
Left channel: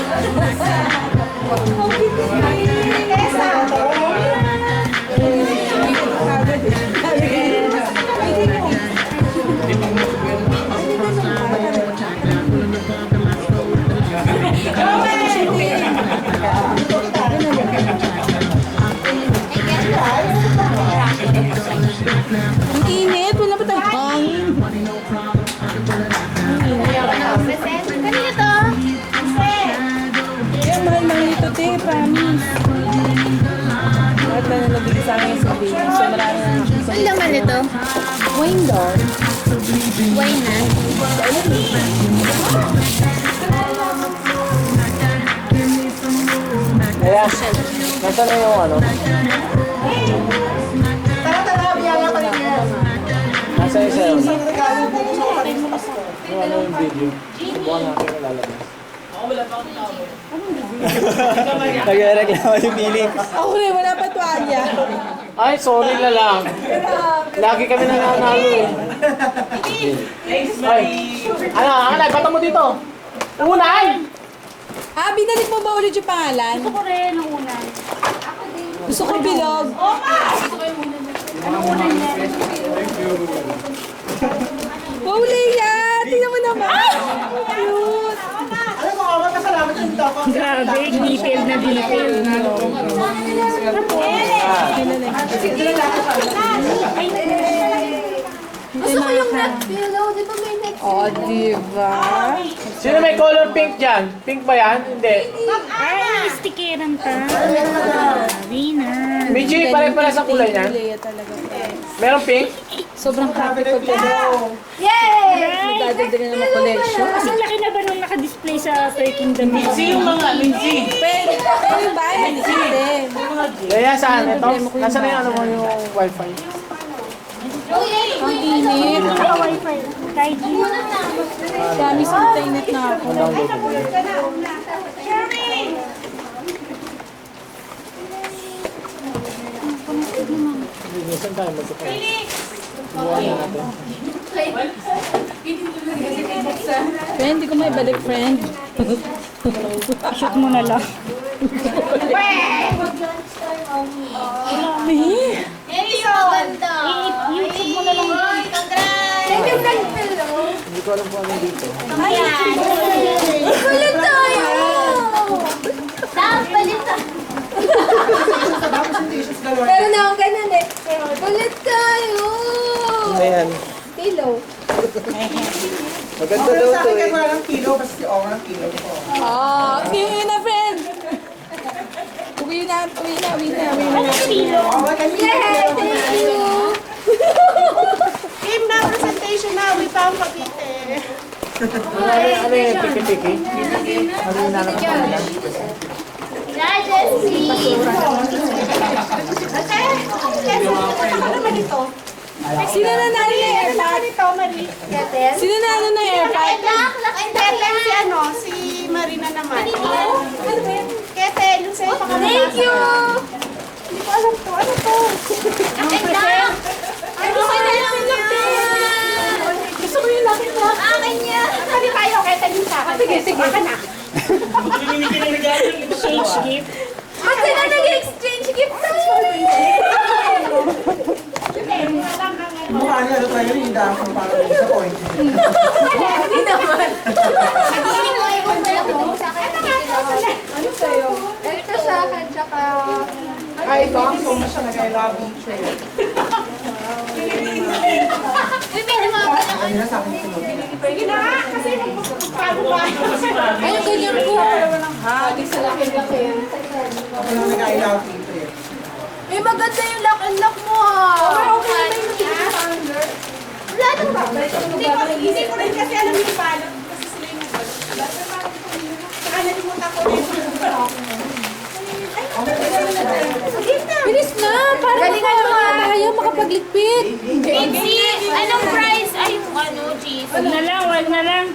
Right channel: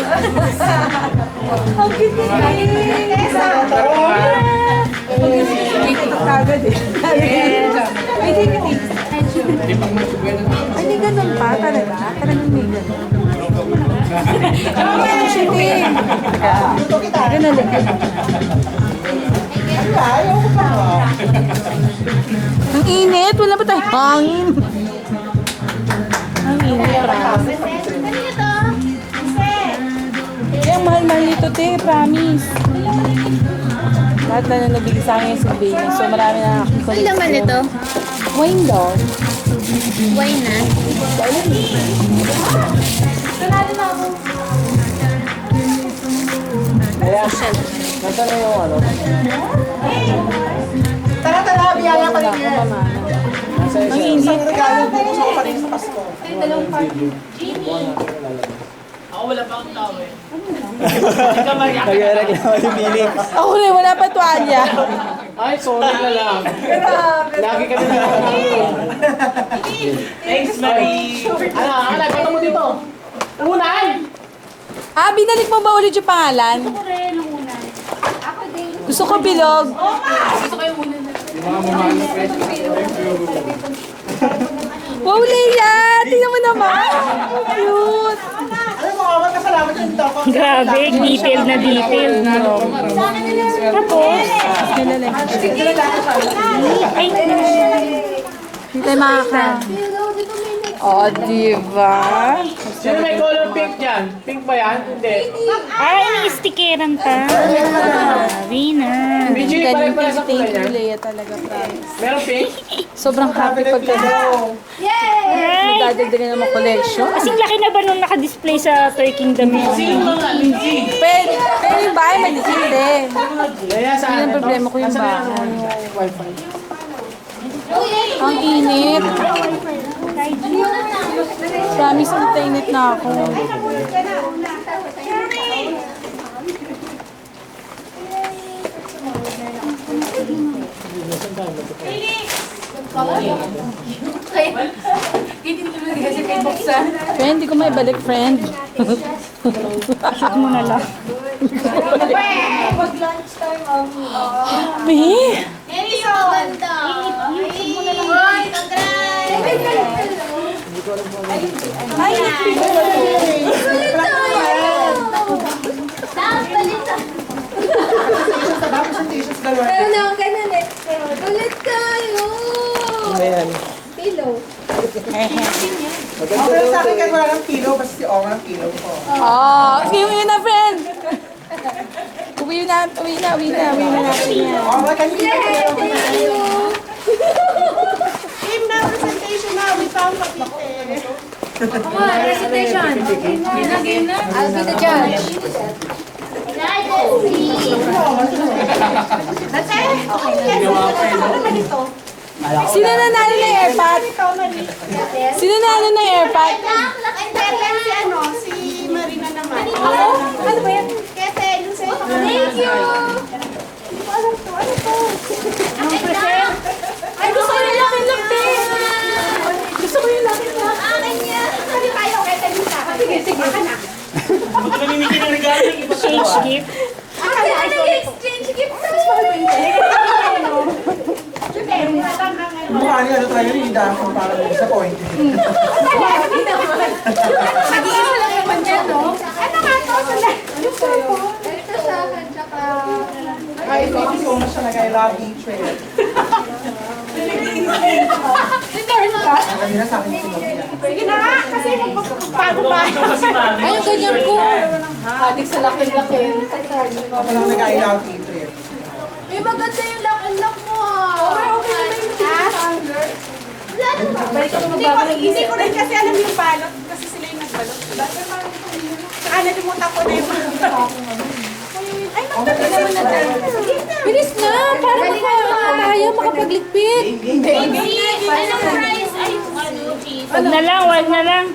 Ang cute niya. Kagad eh. Ay, di ganun pa. Talaga. Ang init. Wala pa tayo hangin. Ang init. Kanina to? Kaya mahal-mahal nito, te. Promise. Lahat na nabigay sa akin sa baby. So marami na akong Ang laman nito? wine daw. Wine na. Kaya, nasa na yung ano? Tara, biyaya pa rin yan. Nasa isa. Isang regalo bukas ako pa rin sa Pasko. Ako wala pa akong tao eh. Nagreklamo si Felix. Ako rin, wala pa tuwalya. Ay, sorry na lang. Lagi kami nananalo. Thanks, Marie. Ano, patang mo dito. Unay! Ah, binalik mo ba ulit yung pangalan? Ako rin, ang una. Gusto ko bilog. Wow, Leia! Tingnan mo naman! Cute! Alam mo, awan ka salamat yung dito ako. Grabe, detail na detail. Hindi tayo makaka. Oh, diba? Sino may color pink dyan? Pink ba yan? Hindi. Ay, stikeran ta. Winner. Michi, pare-pare sa kulay niya. Leia talaga, guys. Meron pink? Sobrang happy pag Yay! dadagdagan ng mga collection. Kasing laki na ba nung naka-display sa Toy Kingdom? Sino mga Lindsay? Pero yung bahay, maliit din. Kaya saan? Yung problema ko yung Nasaan yung ano mo bahay. yung wifi? Ang init. Kahit Promise, ang init na ako. Friend, hindi ko may balik, friend. shoot mo na lang. May? Hindi so ganda. I-shoot mo na lang. Ay, Ay, Kulit tayo! Tama! Maganda Pero daw sa akin to kahit eh. wala ng pillow, basta si Ong ang pillow ko. Uwi na, friend! Uwi na. Ong, can you Game na, presentation na. We found Cavite. Sino nanalo ng airpot? Sino nanalo ng airpot? Keten si ano, si Marina naman. Ano ba yan? Keten, yung sa'yo pa kami. Thank you! Hindi ko alam to. Ano to? Ay, gusto ko yung Lucky Luck din! Gusto ko yung Lucky Luck. Akin niya! Sabi tayo, Keten yung sa akin. Sige. Baka na. Exchange gift. Kasi na nag-exchange gift tayo! mukha niya ano tayo, hindi ako parang disappointed. Hindi naman. Nag-iinom lang yung content, no? Ano nga to? Ano sa'yo? Ito sa akin, tsaka... Ay, thank you so much talaga. I love nature. Ano na sa akin sinunod niya. Sige na nga, kasi bago pa. Ay, yung ganyan ko. Adik sa laki-laki. Ako lang nag-I love nature. May maganda yung lock-and-lock mo, ah. Wala naman. Hindi ko rin kasi alam yung balot. Kasi sila yung nagbalot. Saka nalimutan ko na yung ay, Bilis na, para tayo makapagligpit. Anong price? Ay, ano, cheese. Wag na lang.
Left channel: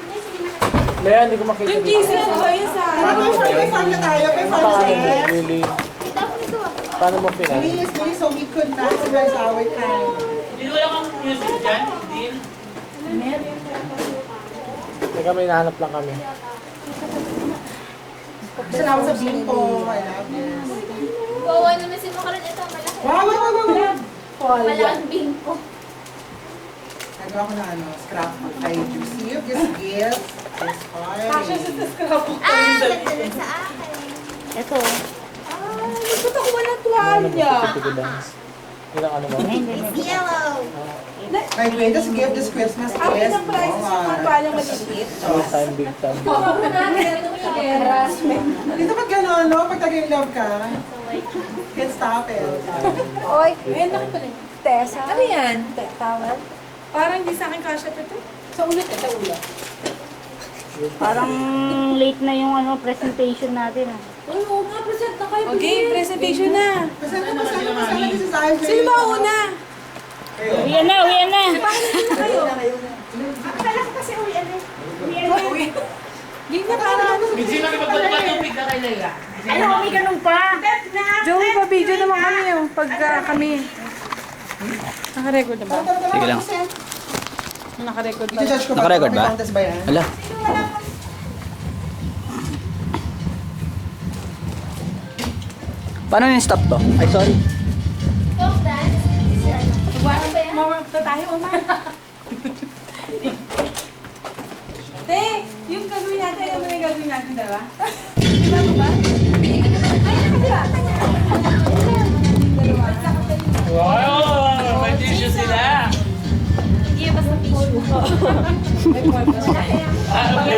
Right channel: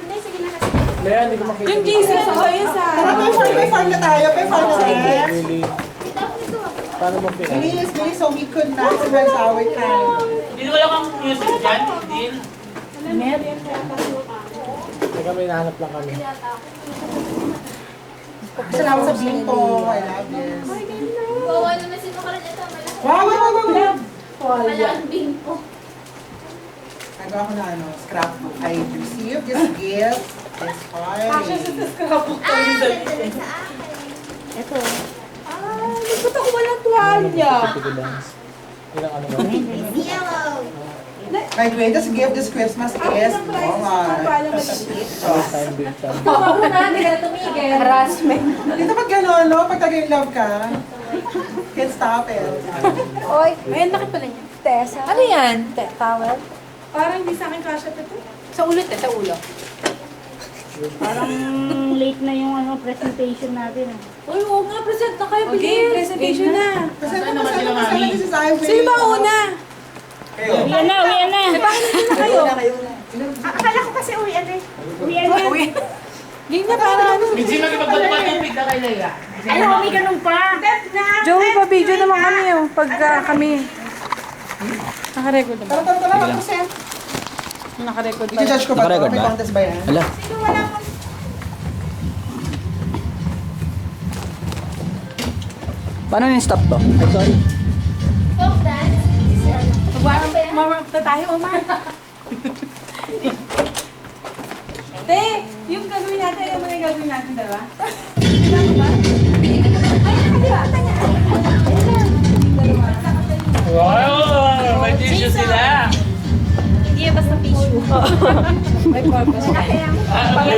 Lea, hindi ko makita. Yung Jesus, ayun sa... May farm na tayo. May farm na tayo. Really? Paano mo pinag? Bilis, so we could not surprise our time. Hindi ko lang ang music dyan. Din. Teka, may nahanap lang kami. Salamat sa bimpo. I love this. Bawa naman si Makaran. Ito, malaki. Wow. Malaking bingko. Nagawa ko na ano, scrapbook. I received this gift. This party. Ah, ganda rin sa akin. Ito. Ba't ako walang tuwalya? Tigo dance. Ilang ano ba? It's yellow. My greatest gift this Christmas is First time, big time. Harassment. Dito pag gano'n, no? Pag taga-in-love ka, can't stop it. Oy, ayun, bakit pala niya? Tessa. Ano yan? Towel? parang hindi sa akin kasha pa ito. Sa ulit sa ulo. Parang late na yung ano presentation natin. Uy, oo nga, present na kayo. Okay, presentation na. Kasi ano this is Ivy. Sino ba una? Uwian na. Akala ko kasi uwi ano eh. Game na para ano. Hindi magpapatupad na kay Leia. Ay, may ganun pa. Joey, pa-video naman kami yung pagka kami. Naka-record naman. Sige lang. Naka-record pa. I-judge ko ba? Naka-record May ba? contest ba yan? Ala. Paano yung stop to? Ay, sorry. Folk dance. Mawarap na tayo, Oma. Te, yung gagawin natin, yung mga gagawin natin, diba? Diba mo ba? Wow! May tissue sila. Hindi yan basta tissue. May purpose.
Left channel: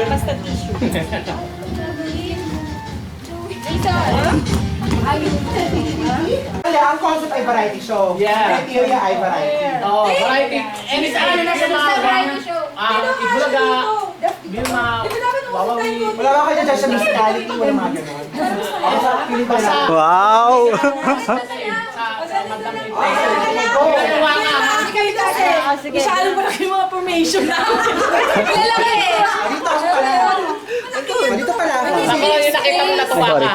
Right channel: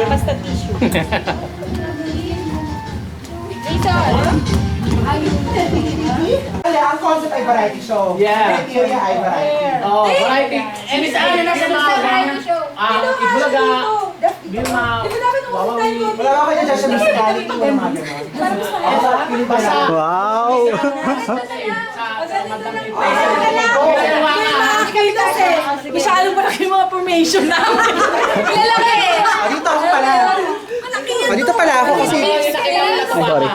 Basta tissue. Kaya ang concept ay variety show. Yeah. Criteria ay variety. Oh, variety. And it's ano na sa mga Variety show. Ibulaga, Bilma, Wawawi. Wala ka kaya dyan sa musicality. Wala mga gano'n. Basta. Wow! Masyadong malaki yung mga formation namin. Lalaki eh. Dito ako pala. Dito pala ako. Sorry.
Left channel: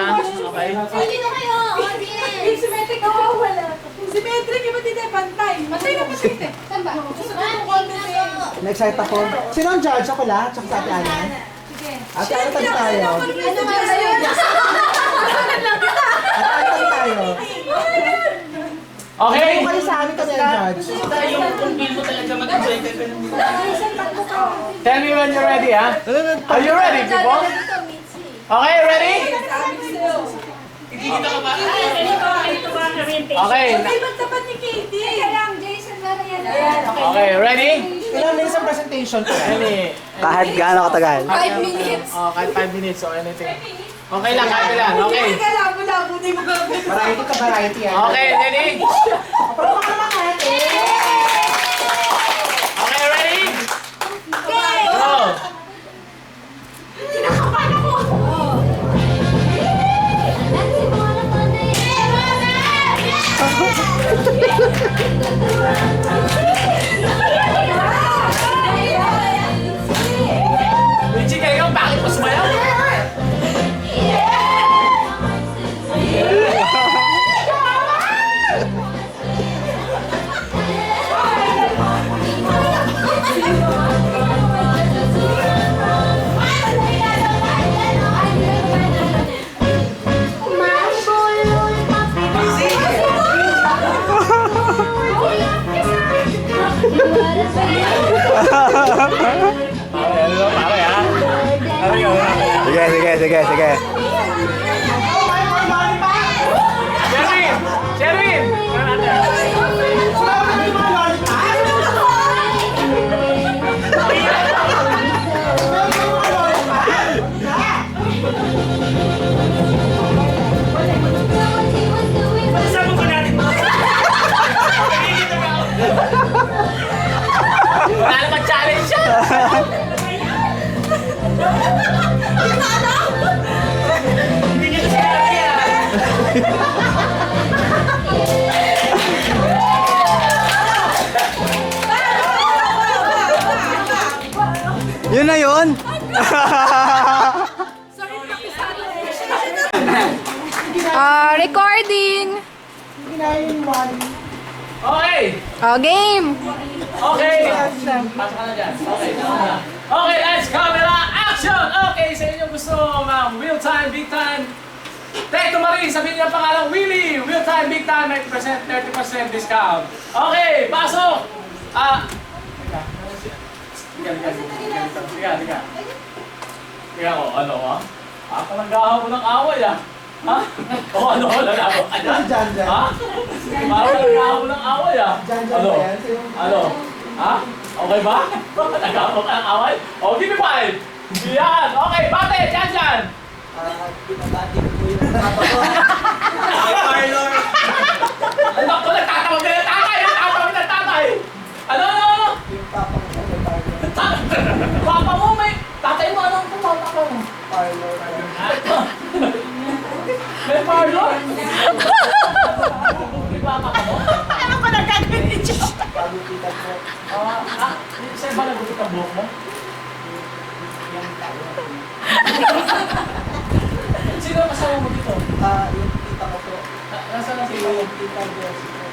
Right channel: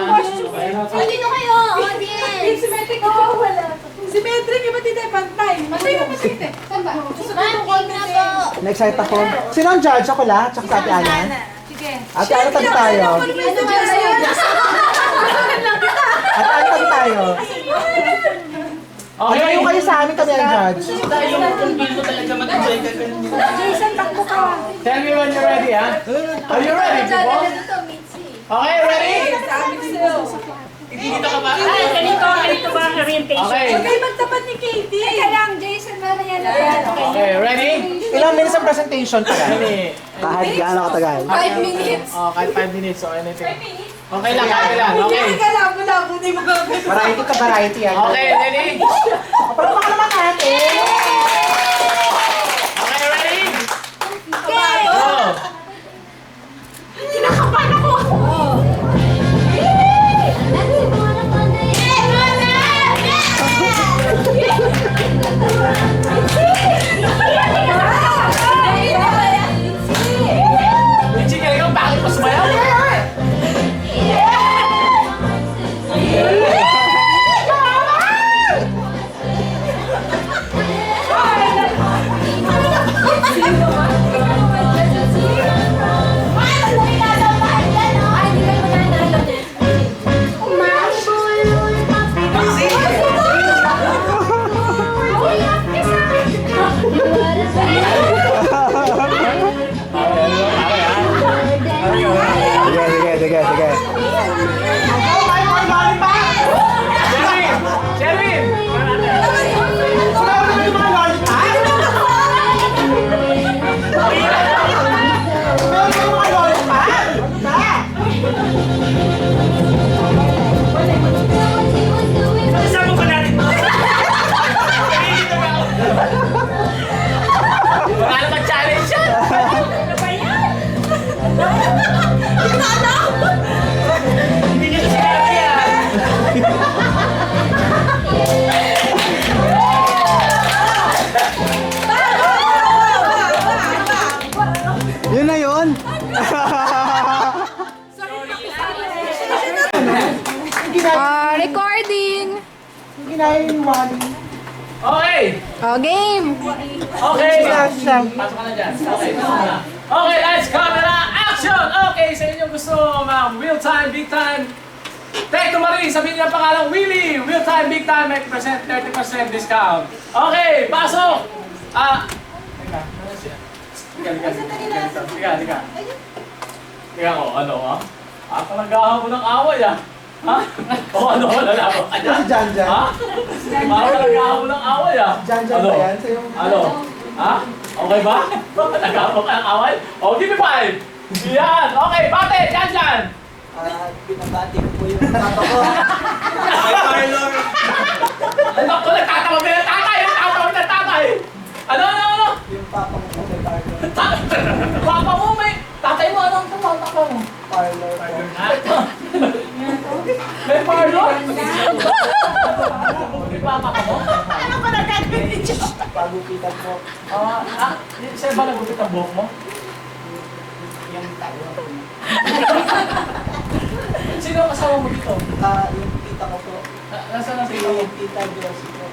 Dito kayo, audience. Symmetric ako, wala. Symmetric, iba dito pantay. Matay ka pa dito. Saan ba? Banding na po. Na-excite ako. Sino ang judge? Ako la? Tsaka sa Ate Ana? Ate Ana, tabi tayo. Ano ba yun? Ate Ana, tabi tayo. Okay. Kayo sa amin kami ang judge. Tayo kung feel mo talaga mag-enjoy ka. Tell me when you're ready, ha? Are you ready, people? Dito, Mitzi. Okay, ready? Dito ka ba? Ganito ba orientation? Okay. Ay, magtapat ni Katie. Teka lang, Jason, Okay, ready? Ilang minutes ang presentation pa Ready? Kahit gaano katagal. 5 minutes. Oh, kahit 5 minutes or anything. Okay lang, kahit lang. Okay. Labo-labo na yung mga Variety ka, variety yan. Okay, ready? Pero baka naman natin. Okay, ready? Go! Richie, kaya bakit mas mayaw? Sige. Sherwin! Kasama ko natin. Wala naman challenge yan! Hindi niya sinabi yan. Yun na yun. Recording. Okay! Game. Okay! Pasok ka na dyan. Okay, pasok ka na. Okay, lights, camera, action! Okay, sa inyo gusto mga real time, big time. Take to Marie, sabihin niya ang pangalang Willie. Real time, big time, 90%, 30% discount. Okay, pasok! Tiga ko, ano ah? Ako nag-ahaw ng away ah. Ha? O ano, lalabo ka dyan? Jan. Ha? Ako nag-ahaw ng away ah. Jan Ano? ba yan? Ano? Ha? Okay ba? Nag-ahaw ka ng away? O, give me 5! Yan! Okay, bate! Jan! Pinabati ko po yung papa ko. Ay, Marlon! Ay, naku, nagtatawag na ng tatay! Nagtatawag ng tatay! Ano? Yung papa ko may parlor. Papa mo may... Tatay mo, anong tumawag mo? Parlor po. May parlor? May papa ka mo? Ano ba nagagawin ni Joe? Pagupitan po. Sa'yo ba nagupit ang buhok mo? Yung tao. Sino ang kasama mo dito? Yung tita ko po. Nasaan ang sino mo? Yung tita Josie po.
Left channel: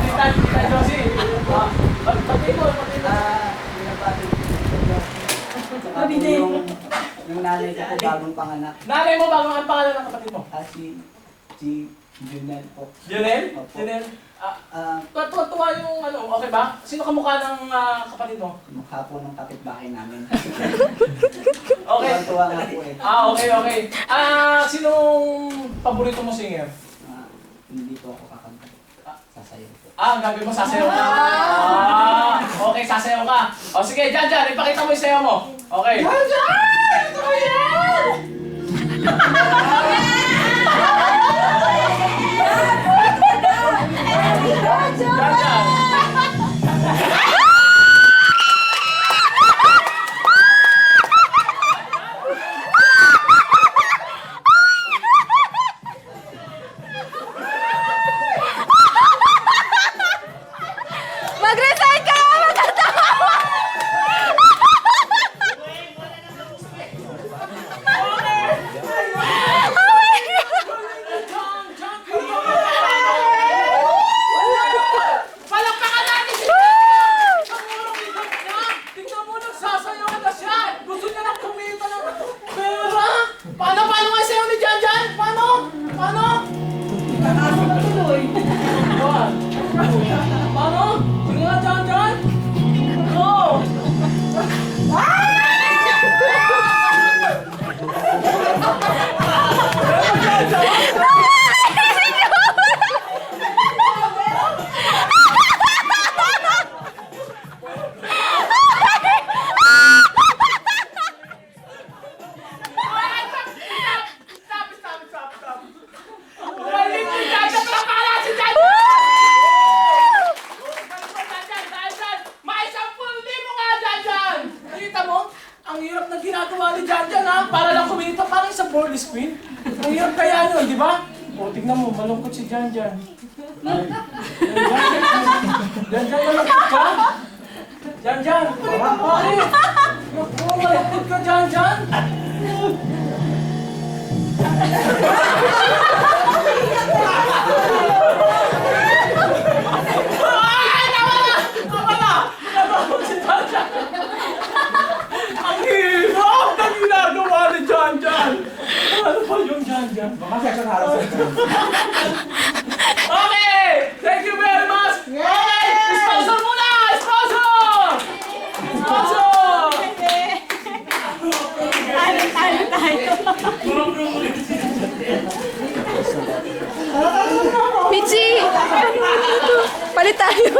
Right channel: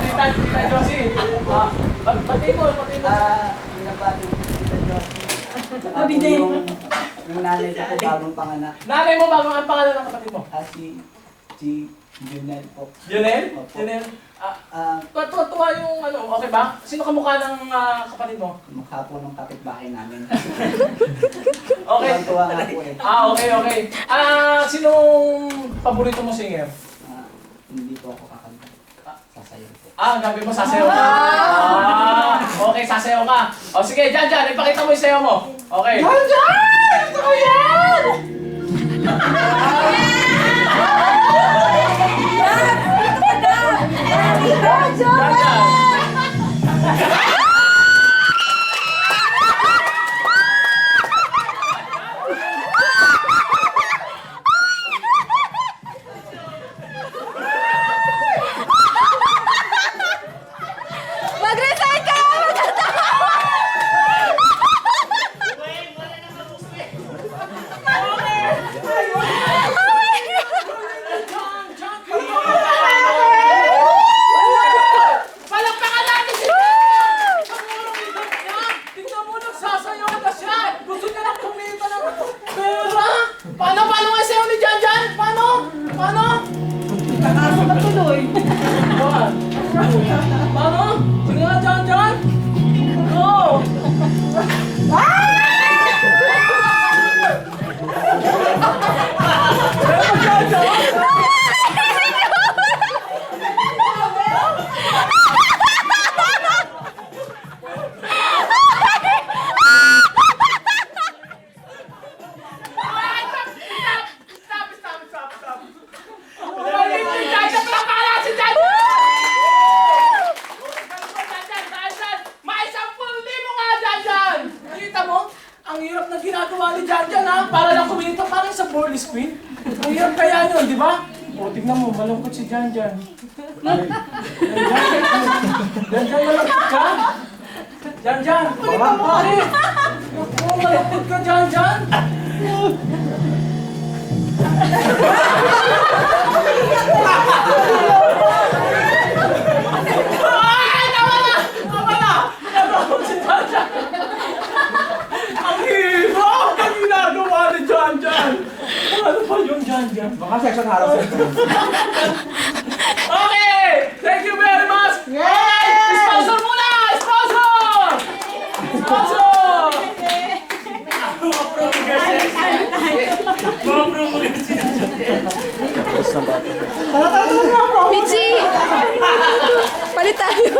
Tita Josie. Pati mo. Pinabati ko tita Josie. Saka po yung nanay ko po bagong panganak. Nanay mo, bago ang pangalan ng kapatid mo? Si Junel po. Junel? Opo. Junel? Ah, Tuwa yung ano, okay ba? Sino kamukha ng kapatid mo? mukha po ng kapitbahay namin. Okay. Tuwa nga po eh. Okay. Sinong paborito mo singer? Hindi po ako kakanta. Sasayaw po. Gagawin mo, sasayaw ka. Okay, sasayaw ka. O sige, Jan, ipakita mo yung sayaw mo. Okay. Jan! Ito ko yan! Jan! Mag-resign ka! ball spin? Ang hirap kaya nun, di ba? O, tignan mo, malungkot si Jan Jan. Jan Jan, malungkot ka? Jan Jan, pare! Naku, malungkot ka, Jan Jan! Ay, tama na! Tama na! Malungkot si Jan Jan! Ang hirap na ginagawa ni Jan Jan! Ano pa yung Jan Jan? Baka section harap sa Okay! Thank you very much! Okay! Sponsor muna! Sponsor! Sponsor! Michi! Palit tayo.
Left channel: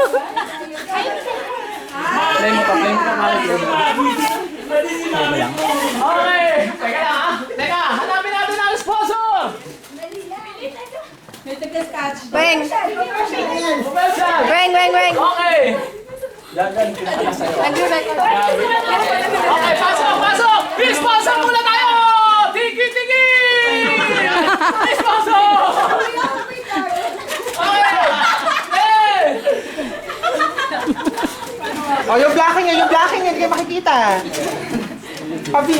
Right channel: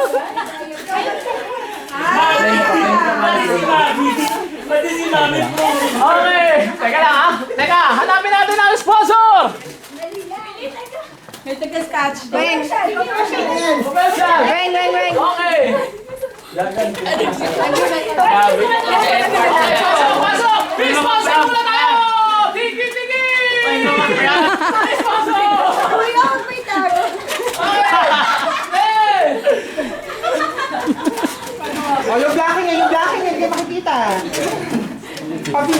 Okay! Teka lang ha! Teka! Hanapin natin ang sponsor! Bang! Commercial! Bang, bang, bang! Okay! Yan, pinaka sa'yo. Okay, pasok! Pasok! Sponsor muna tayo! Tiki! Tiki! Sponsor! Okay! Hey! Oh, yung blocking yan, hindi kayo makikita. Pabi.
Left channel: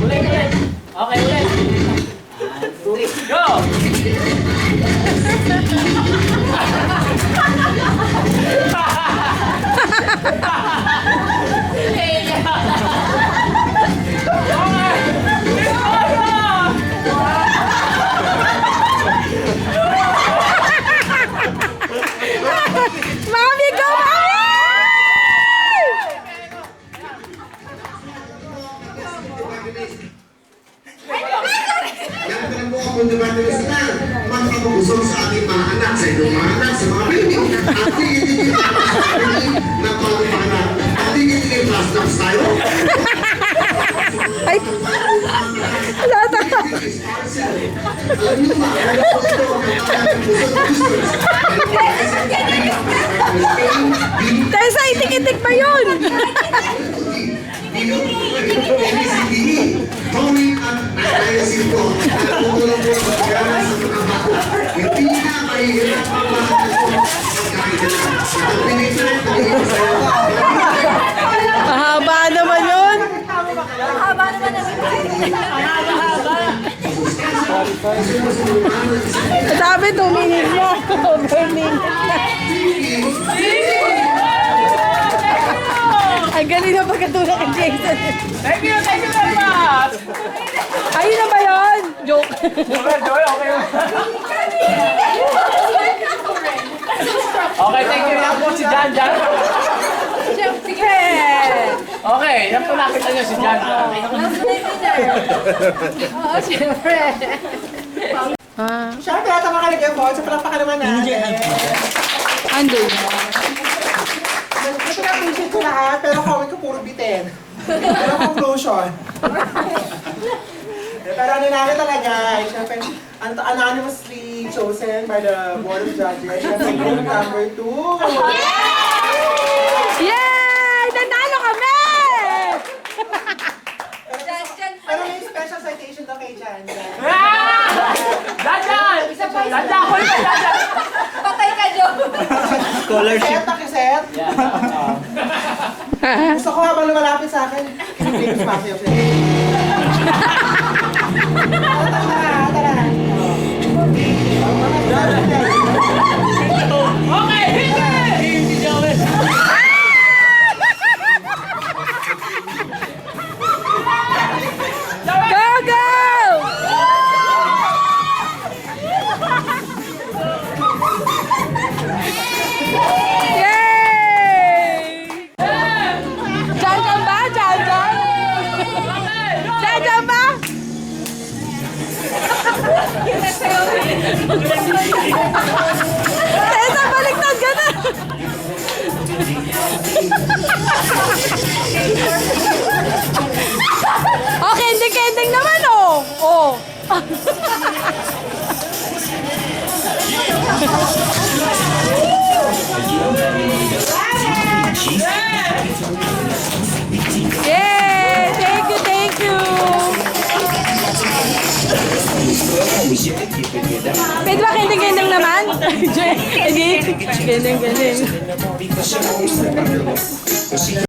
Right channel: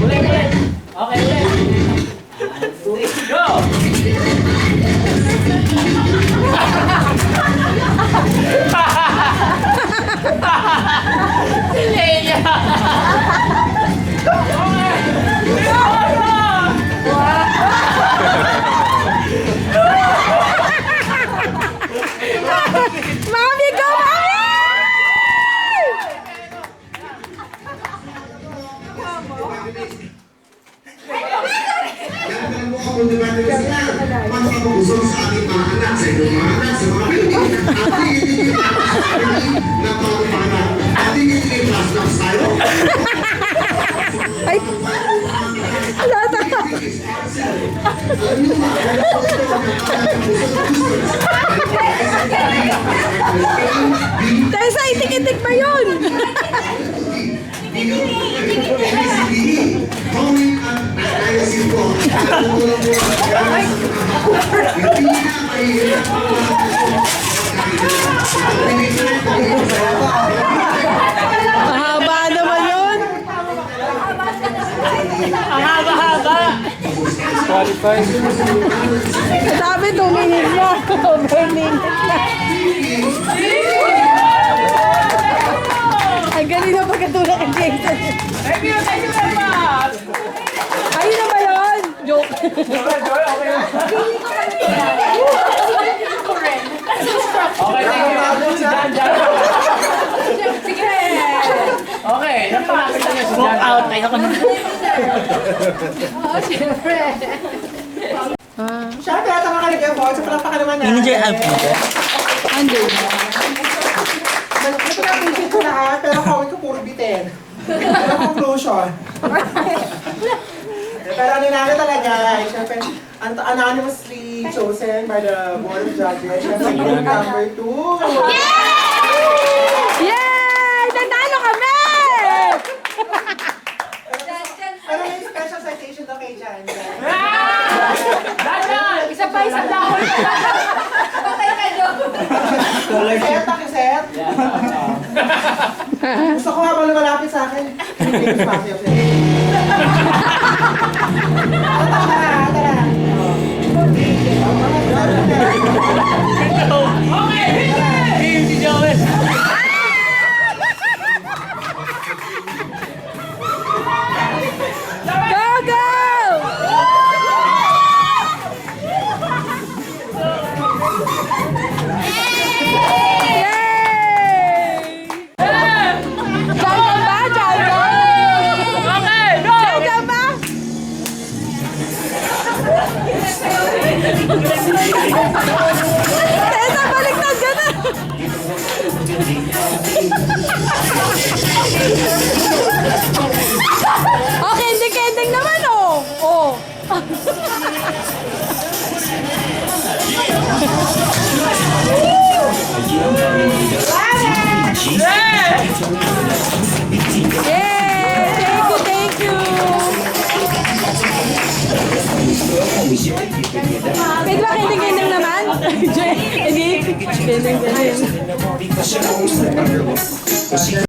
Ulit! Okay, ulit! Go! Mami, go, Mami! Yan ang mga fundamentalist na magpapagusong sa ating mga anak, sa inyong mga anak, sa mga baby, at tingin-tingin tayo sa ating na pangpanan. At tingin-tingin class dogs tayo. Ay! Lata! Alam niyo ba, alam ko ito ang Tessa, itik-itik pa yun! Tony at ayusin ko. Natutulong po ang pagkakas sa mga bata. Hindi na mahihirap ang mga at pinitret ko yung saya. Mahaba naman yun! Ang haba-haba! Sabi 2 minutes na. Burning. Ang galing na pagkatulak kay Jason. Thank you very much! Ayun na ba yun? Joke. Okay, thank you na po si Jan Jan. Sige. Okay, yan po nakita niyo si Jan Jan. Oo, siyempre. Siyempre, tama ka lang yung boss. So, palakpakan naman na. Under. Napapinsin ko lahat, pero comment ko puro bitin. Pero conclusion. Pero ano namin talaga, siyempre, anonymously chosen by the Board of Judges. Siyempre, group number 2. Yay! Nanalo kami! Pero may special citation daw kay Jan. Jan Jan! Isa pa! Jan Jan! Patay ka, Jo. Set, pakiset. Gusto ko habang lumalapit sa akin. Famous Mafia. Tara. Okay! Team si Joel! Go, go! Yay! Jan-jan ba? Jan-jan? Okay, go! Jan-jan ba? Tessa, baliktad ka na! Okay, ending naman, oh! Oh! Yeah! Pwede ba kending-kending naman? Hindi. Kending-kending.